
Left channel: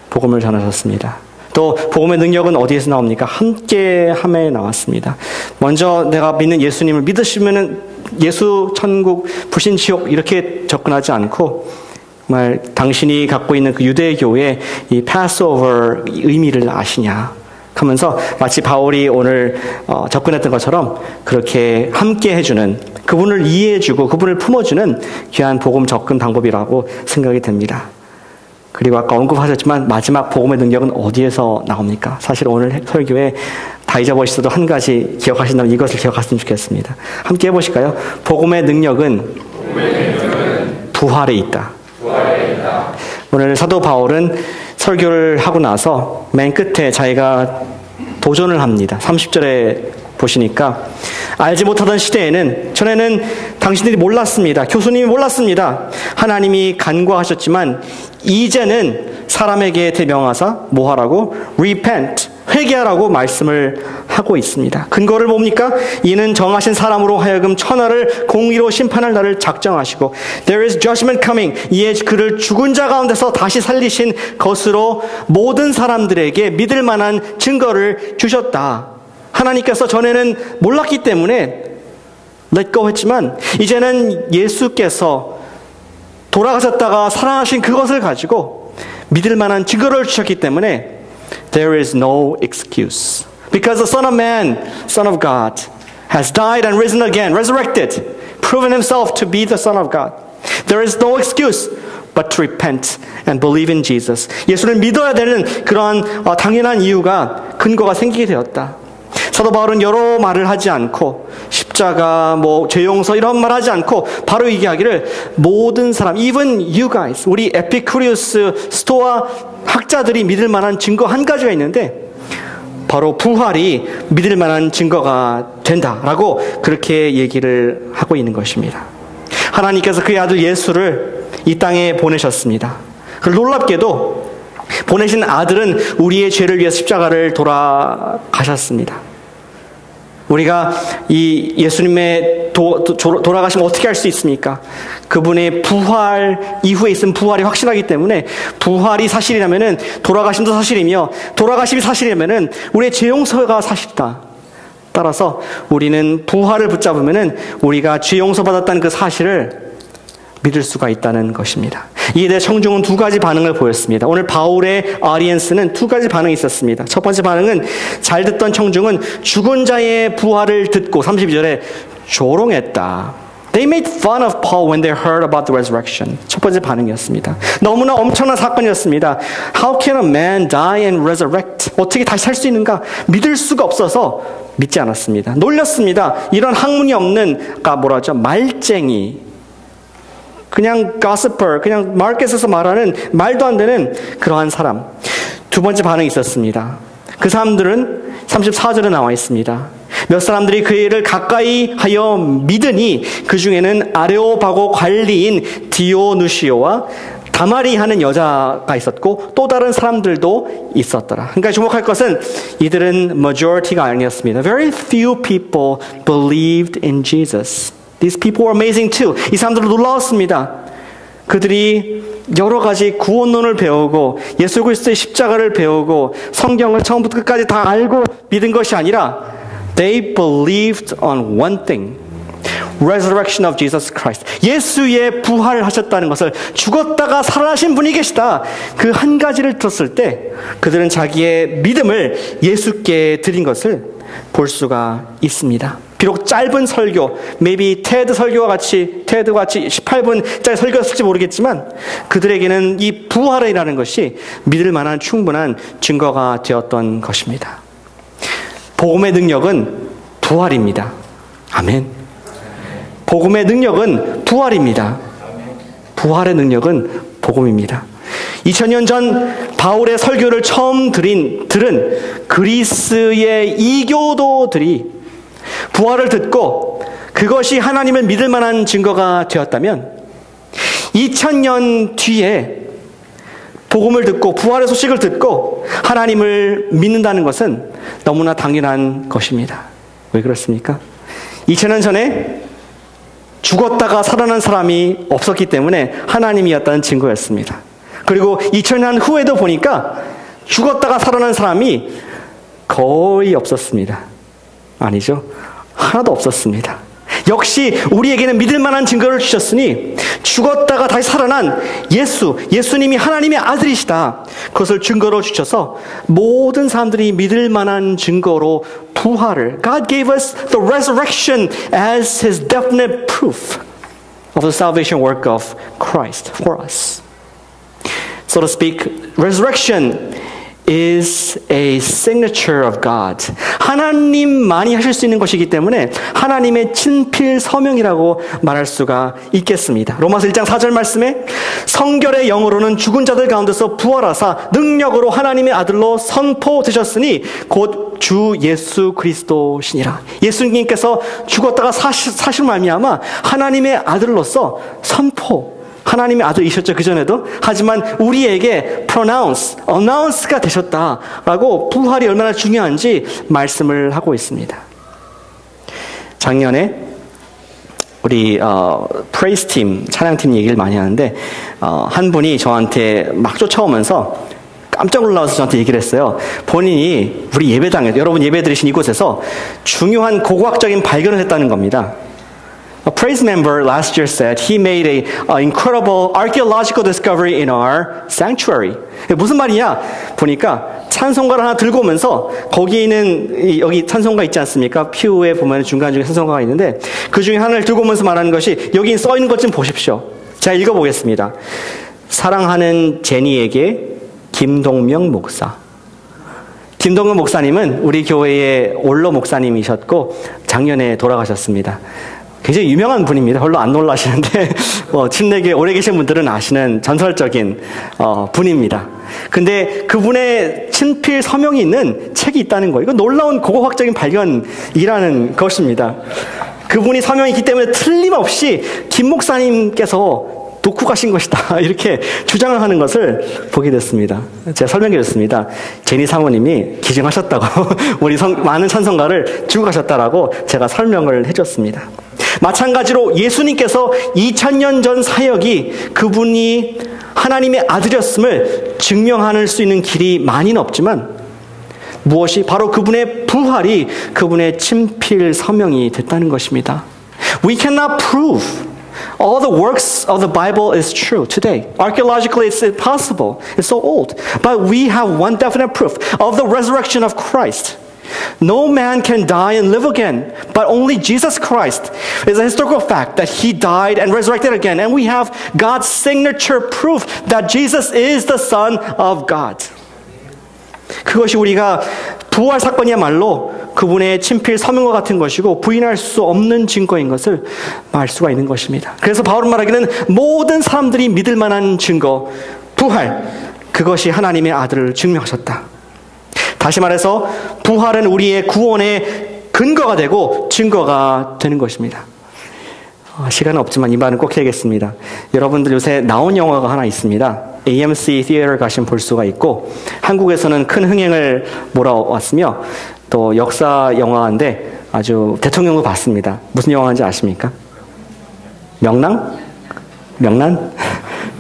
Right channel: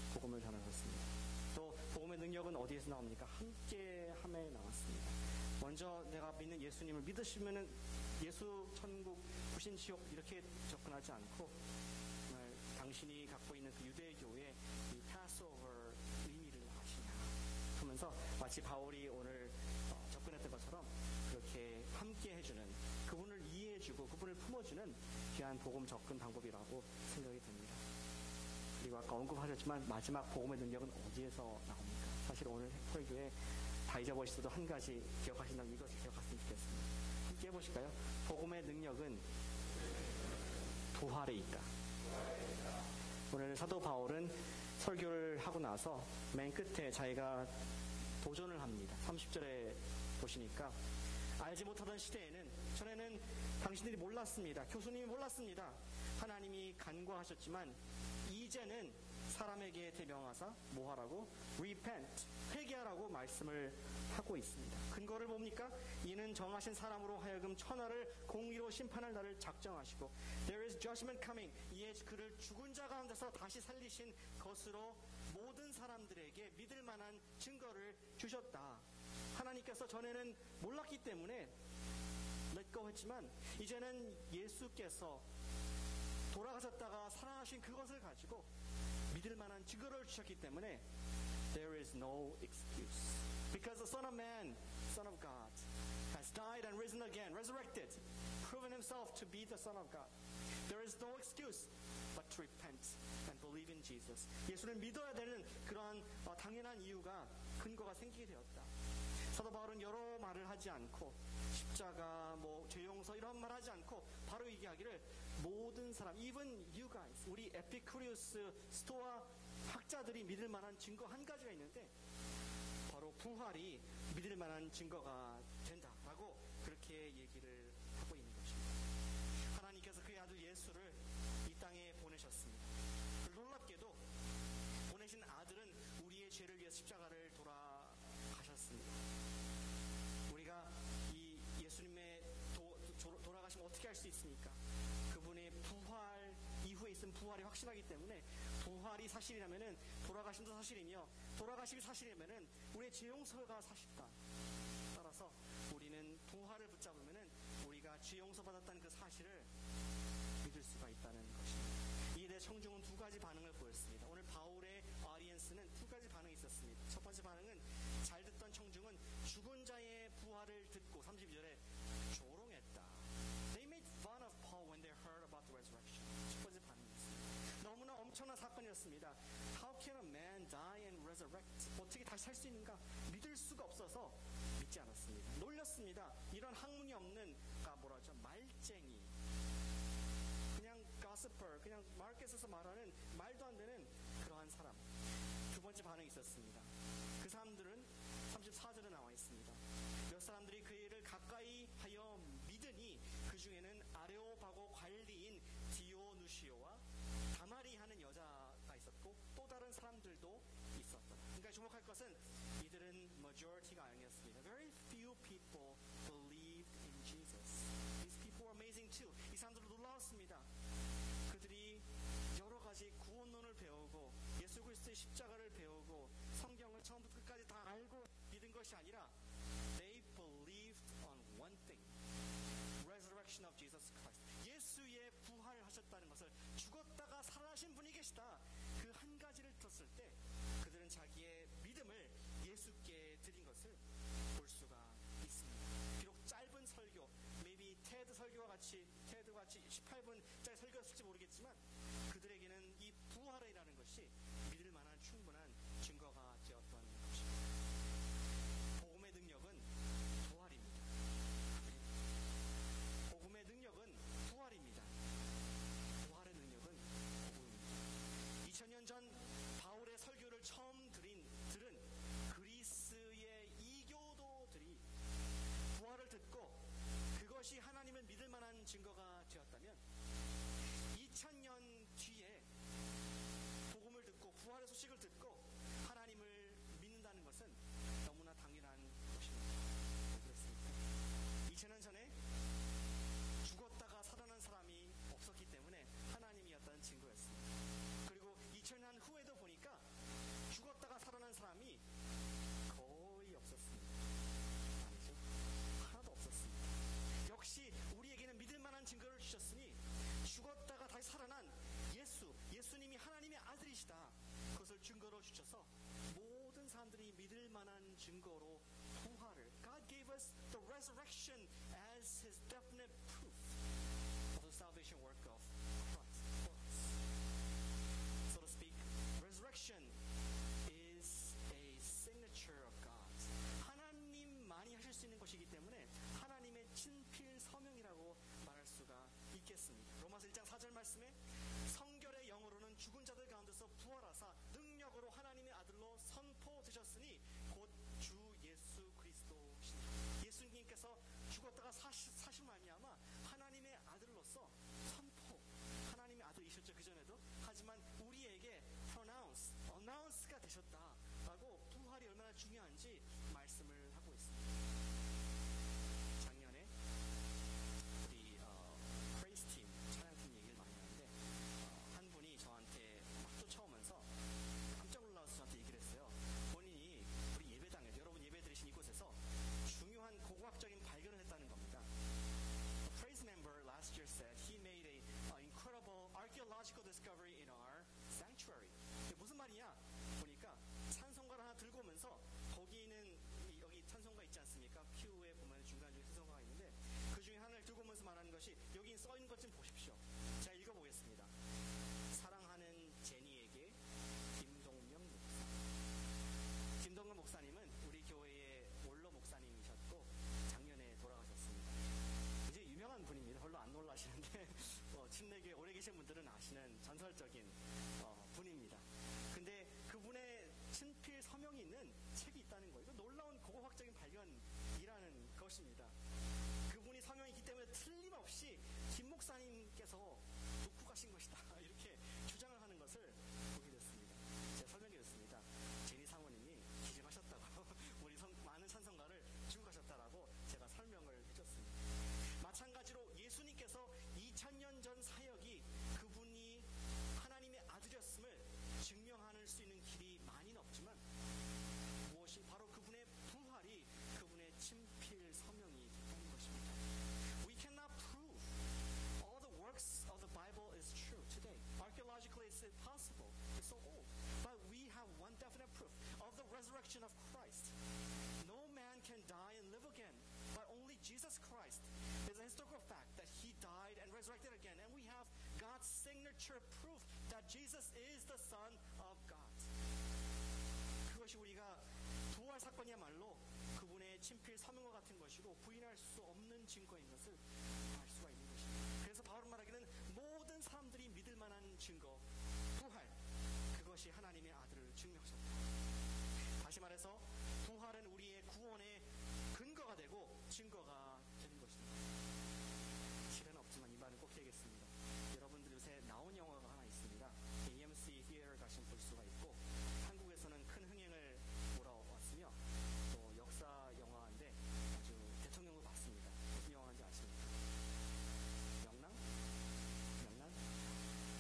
복음을 전하셨습니다. 또 복음의 능력은 어디에서 나옵니까? 함께함에 나왔습니다. 먼저 내가 믿는 예수님을 믿으시면은 예수, 천국, 불신, 지옥 이렇게 접근하지 않고 정말 당신이 갖고 있는 그 유대교의 이 패스오버 의미를 아시냐 하면서 마치 바울이 오늘 접근했던 것처럼 그렇게 함께 해주는, 그분을 이해해주고 그분을 품어주는 귀한 복음 접근 방법이라고 생각이 됩니다. 그리고 아까 언급하셨지만 마지막 복음의 능력은 어디에서 나옵니까? 사실 오늘 설교에 다 잊어버리셔도 한 가지 기억하신다면 이것을 기억하셨으면 좋겠습니다. 함께 해보실까요? 복음의 능력은 부활에 있다. 오늘 사도 바울은 설교를 하고 나서 맨 끝에 자기가 도전을 합니다. 30절에 보시니까 알지 못하던 시대에는, 전에는 당신들이 몰랐습니다. 교수님이 몰랐습니다. 하나님이 간과하셨지만 이제는 사람에게 대명하사 뭐하라고? Repent, 회개하라고 말씀을 하고 있습니다. 근거를 뭡니까? 이는 정하신 사람으로 하여금 천하를 공의로 심판할 날을 작정하시고 There is judgment coming. 이에 그를 죽은 자 가운데서 다시 살리신 것으로 모든 사람들에게 믿을 만한 증거를 주셨다. 하나님께서 전에는 몰랐기 때문에 let go 했지만 이제는 예수께서 돌아가셨다가 살아나신 그것을 가지고 믿을 만한 증거를 주셨기 때문에 There is no excuse. Because the Son of Man, Son of God, has died and risen again, resurrected, proven himself to be the Son of God. There is no excuse but to repent and believe in Jesus. 예수를 믿어야 되는 그러한 당연한 이유가, 근거가 생기게 되었다. 사도 바울은 여러 말을 하지 않고 십자가, 죄 용서 이런 말 하지 않고 바로 얘기하기를 모든 사람, even you guys, 우리 에피쿠리우스 스토아 학자들이 믿을 만한 증거 한 가지가 있는데 바로 부활이 믿을 만한 증거가 된다라고 그렇게 얘기를 하고 있는 것입니다. 하나님께서 그의 아들 예수를 이 땅에 보내셨습니다. 놀랍게도 보내신 아들은 우리의 죄를 위해 십자가를 돌아가셨습니다. 우리가 이 예수님의 돌아가시면 어떻게 할 수 있습니까? 그분의 부활 이후에 있은 부활이 확실하기 때문에 부활이 사실이라면은 돌아가심도 사실이며 돌아가심이 사실이라면은 우리의 죄 용서가 사실이다. 따라서 우리는 부활을 붙잡으면은 우리가 죄 용서 받았다는 그 사실을 믿을 수가 있다는 것입니다. 이에 대해 청중은 두 가지 반응을 보였습니다. 오늘 바울의 audience는 두 가지 반응이 있었습니다. 첫 번째 반응은 잘 듣던 청중은 죽은 자의 부활을 듣고 32절에 조롱했다. They made fun of Paul when they heard about the resurrection. 첫 번째 반응이었습니다. 너무나 엄청난 사건이었습니다. How can a man die and resurrect? 어떻게 다시 살 수 있는가? 믿을 수가 없어서 믿지 않았습니다. 놀렸습니다. 이런 학문이 없는, 말쟁이, 그냥 gossiper, 그냥 마켓에서 말하는 말도 안 되는 그러한 사람. 두 번째 반응이 있었습니다. 그 사람들은 34절에 나와 있습니다. 몇 사람들이 그 일을 가까이 하여 믿으니 그 중에는 아레오바고 관리인 디오누시오와 다마리 하는 여자가 있었고 또 다른 사람들도 있었더라. 그러니까 주목할 것은 이들은 majority가 아니었습니다. Very few people believed in Jesus. These people were amazing too. 이 사람들은 놀라웠습니다. 그들이 여러 가지 구원론을 배우고 예수 그리스도의 십자가를 배우고 성경을 처음부터 끝까지 다 알고 믿은 것이 아니라 they believed on one thing. Resurrection of Jesus Christ. 예수의 부활하셨다는 것을, 죽었다가 살아나신 분이 계시다. 그 한 가지를 들었을 때 그들은 자기의 믿음을 예수께 드린 것을 볼 수가 있습니다. 비록 짧은 설교, maybe 테드와 같이 18분짜리 설교였을지 모르겠지만 그들에게는 이 부활이라는 것이 믿을 만한 충분한 증거가 되었던 것입니다. 복음의 능력은 부활입니다. 아멘. 복음의 능력은 부활입니다. 부활의 능력은 복음입니다. 2000년 전 바울의 설교를 처음 들은 그리스의 이교도들이 부활을 듣고 그것이 하나님을 믿을 만한 증거가 되었다면 2000년 뒤에 복음을 듣고 부활의 소식을 듣고 하나님을 믿는다는 것은 너무나 당연한 것입니다. 왜 그렇습니까? 2000년 전에 죽었다가 살아난 사람이 없었기 때문에 하나님이었다는 증거였습니다. 그리고 2000년 후에도 보니까 죽었다가 살아난 사람이 거의 없었습니다. 아니죠. 하나도 없었습니다. 역시 우리에게는 믿을 만한 증거를 주셨으니 죽었다가 다시 살아난 예수님이 하나님의 아들이시다. 그것을 증거로 주셔서 모든 사람들이 믿을 만한 증거로 부활을 God gave us the resurrection as His definite proof of the salvation work of Christ for us. So to speak, resurrection is a signature of God. 하나님만이 하실 수 있는 것이기 때문에 하나님의 친필 서명이라고 말할 수가 있겠습니다. 로마서 1장 4절 말씀에 성결의 영으로는 죽은 자들 가운데서 부활하사 능력으로 하나님의 아들로 선포되셨으니 곧 주 예수 그리스도시니라. 예수님께서 죽었다가 사실 말미암아 하나님의 아들로서 하나님의 아들이셨죠, 그전에도. 하지만 우리에게 announce가 되셨다라고 부활이 얼마나 중요한지 말씀을 하고 있습니다. 작년에 우리 프레이스 팀, 찬양팀 얘기를 많이 하는데 한 분이 저한테 막 쫓아오면서 깜짝 놀라서 저한테 얘기를 했어요. 본인이 우리 예배당에, 여러분 예배 드리신 이곳에서 중요한 고고학적인 발견을 했다는 겁니다. A praise member last year said he made an incredible archaeological discovery in our sanctuary. 무슨 말이냐? 보니까 찬송가를 하나 들고 오면서 거기 있는 여기 찬송가 있지 않습니까? 퓨에 보면 중간중에 찬송가가 있는데 그 중에 하나를 들고 오면서 말하는 것이 여기 써 있는 것 좀 보십시오. 제가 읽어보겠습니다. 사랑하는 제니에게 김동명 목사. 김동명 목사님은 우리 교회의 원로 목사님이셨고 작년에 돌아가셨습니다. 굉장히 유명한 분입니다. 별로 안 놀라시는데 침례교에 오래 계신 분들은 아시는 전설적인 분입니다. 근데 그분의 친필 서명이 있는 책이 있다는 거예요. 이건 놀라운 고고학적인 발견이라는 것입니다. 그분이 서명이 있기 때문에 틀림없이 김 목사님께서 놓고 가신 것이다. 이렇게 주장을 하는 것을 보게 됐습니다. 제가 설명드렸습니다. 제니 사모님이 기증하셨다고 우리 많은 찬송가를 주고 가셨다라고 제가 설명을 해줬습니다. 마찬가지로 예수님께서 2000년 전 사역이 그분이 하나님의 아들이었음을 증명할 수 있는 길이 많이는 없지만 무엇이 바로 그분의 부활이 그분의 친필 서명이 됐다는 것입니다. We cannot prove all the works of the Bible is true today. Archaeologically, it's impossible. It's so old. But we have one definite proof of the resurrection of Christ. No man can die and live again, but only Jesus Christ is a historical fact that He died and resurrected again. And we have God's signature proof that Jesus is the Son of God. 그것이 우리가 부활 사건이야말로 그분의 친필 서명과 같은 것이고 부인할 수 없는 증거인 것을 알 수가 있는 것입니다. 그래서 바울은 말하기는 모든 사람들이 믿을 만한 증거, 부활, 그것이 하나님의 아들을 증명하셨다. 다시 말해서 부활은 우리의 구원의 근거가 되고 증거가 되는 것입니다. 시간은 없지만 이 말은 꼭 해야겠습니다. 여러분들 요새 나온 영화가 하나 있습니다. AMC Theater 가시면 볼 수가 있고 한국에서는 큰 흥행을 몰아왔으며 또 역사 영화인데 아주 대통령도 봤습니다. 무슨 영화인지 아십니까? 명랑?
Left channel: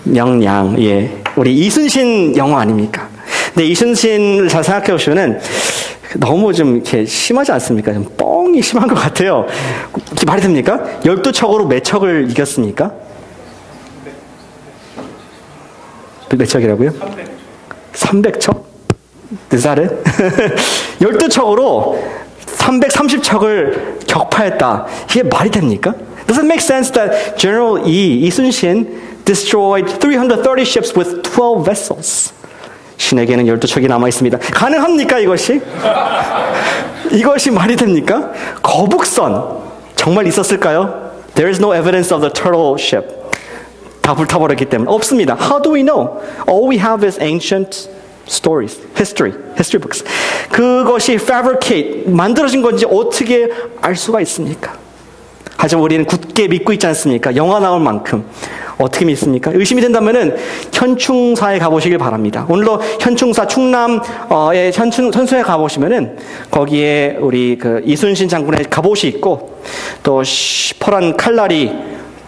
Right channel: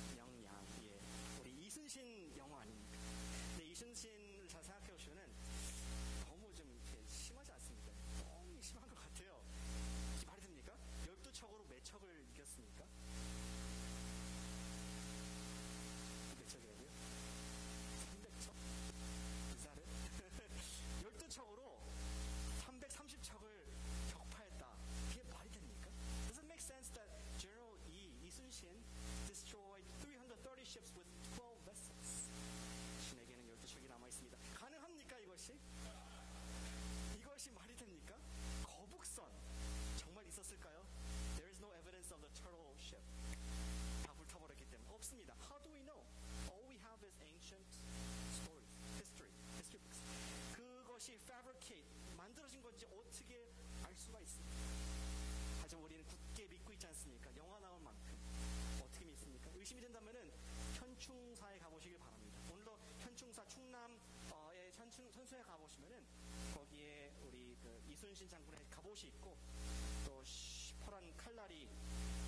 명량. 예. 우리 이순신 영화 아닙니까? 근데 이순신을 잘 생각해 보시면은 너무 좀 이렇게 심하지 않습니까? 좀 뻥이 심한 것 같아요. 이게 말이 됩니까? 12척으로 몇 척을 이겼습니까? 몇 척이라고요? 300척? Is that it? 12척으로 330척을 격파했다. 이게 말이 됩니까? Does it make sense that General 이순신 destroyed 330 ships with 12 vessels? 신에게는 12척이 남아있습니다. 가능합니까 이것이? 이것이 말이 됩니까? 거북선 정말 있었을까요? There is no evidence of the turtle ship. 다 불타버렸기 때문에 없습니다. How do we know? All we have is ancient stories, history books. 그것이 fabricate, 만들어진 건지 어떻게 알 수가 있습니까? 하지만 우리는 굳게 믿고 있지 않습니까? 영화 나올 만큼 어떻게 믿습니까? 의심이 된다면은 현충사에 가보시길 바랍니다. 오늘도 현충사 충남의 현수에 가보시면은 거기에 우리 그 이순신 장군의 갑옷이 있고 또 시퍼런 칼날이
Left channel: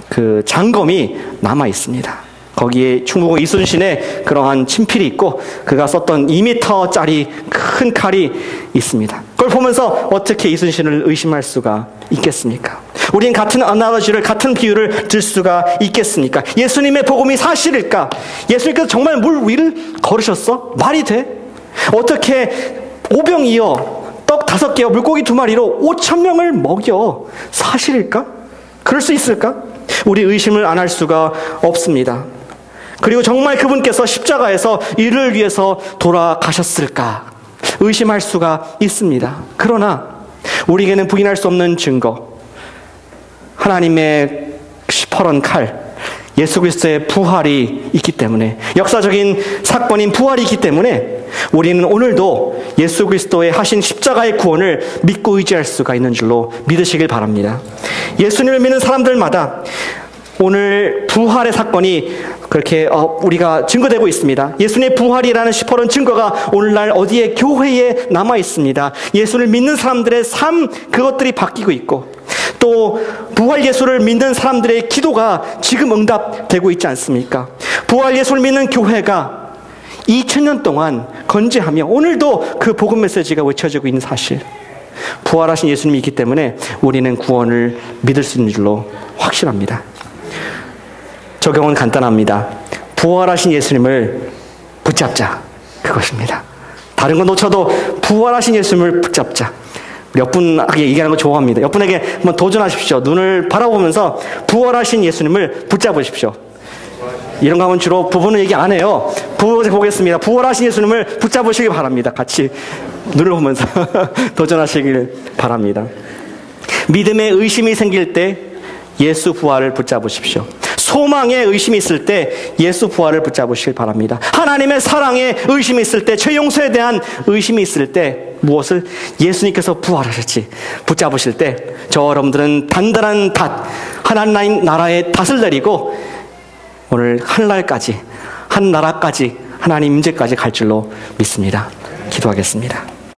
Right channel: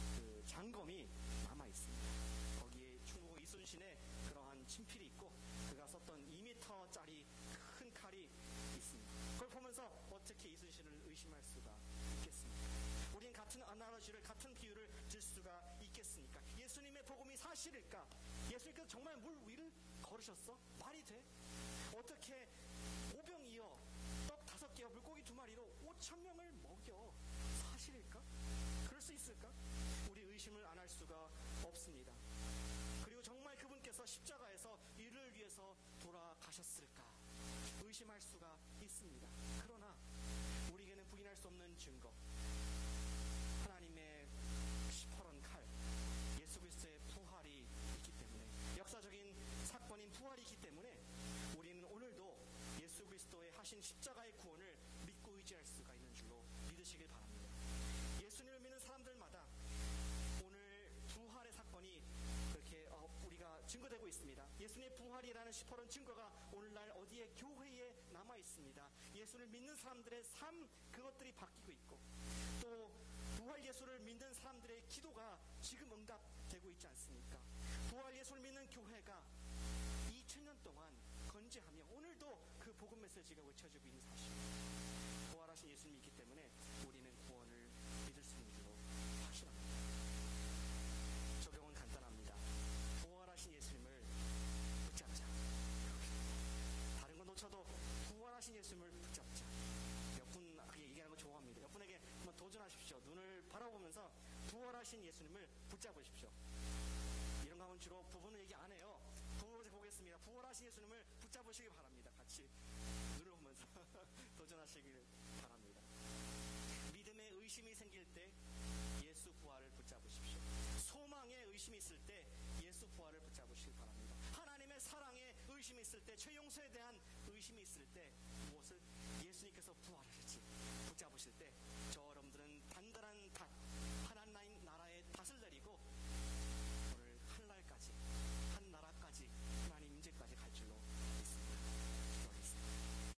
그 장검이 남아 있습니다. 거기에 충무공 이순신의 그러한 친필이 있고 그가 썼던 2m짜리 큰 칼이 있습니다. 그걸 보면서 어떻게 이순신을 의심할 수가 있겠습니까? 우리는 같은 아나로지를, 같은 비유를 들 수가 있겠습니까? 예수님의 복음이 사실일까? 예수님께서 정말 물 위를 걸으셨어? 말이 돼? 어떻게 오병이어 떡 5개와 물고기 2마리로 5,000명을 먹여? 사실일까? 그럴 수 있을까? 우리 의심을 안 할 수가 없습니다. 그리고 정말 그분께서 십자가에서 이를 위해서 돌아가셨을까? 의심할 수가 있습니다. 그러나 우리에게는 부인할 수 없는 증거, 하나님의 시퍼런 칼, 예수 그리스도의 부활이 있기 때문에, 역사적인 사건인 부활이 있기 때문에 우리는 오늘도 예수 그리스도의 하신 십자가의 구원을 믿고 의지할 수가 있는 줄로 믿으시길 바랍니다. 예수님을 믿는 사람들마다 오늘 부활의 사건이 그렇게 우리가 증거되고 있습니다. 예수님의 부활이라는 시퍼런 증거가 오늘날 어디에 교회에 남아 있습니다. 예수를 믿는 사람들의 삶, 그것들이 바뀌고 있고 또 부활 예수를 믿는 사람들의 기도가 지금 응답되고 있지 않습니까? 부활 예수를 믿는 교회가 2000년 동안 건재하며 오늘도 그 복음 메시지가 외쳐지고 있는 사실, 부활하신 예수님이 있기 때문에 우리는 구원을 믿을 수 있는 줄로 확실합니다. 적용은 간단합니다. 부활하신 예수님을 붙잡자, 그것입니다. 다른 건 놓쳐도 부활하신 예수님을 붙잡자. 옆분에게 얘기하는 거 좋아합니다. 옆분에게 한번 도전하십시오. 눈을 바라보면서 부활하신 예수님을 붙잡으십시오. 이런 거 하면 주로 부부는 얘기 안 해요. 부부 보겠습니다. 부활하신 예수님을 붙잡으시기 바랍니다. 같이 눈을 보면서 도전하시길 바랍니다. 믿음에 의심이 생길 때 예수 부활을 붙잡으십시오. 소망에 의심이 있을 때 예수 부활을 붙잡으시길 바랍니다. 하나님의 사랑에 의심이 있을 때, 죄 용서에 대한 의심이 있을 때 무엇을? 예수님께서 부활하셨지 붙잡으실 때 저 여러분들은 단단한 닷, 하나님 나라의 닷을 내리고 오늘 하늘날까지, 한 나라까지, 하나님 임재까지 갈 줄로 믿습니다. 기도하겠습니다.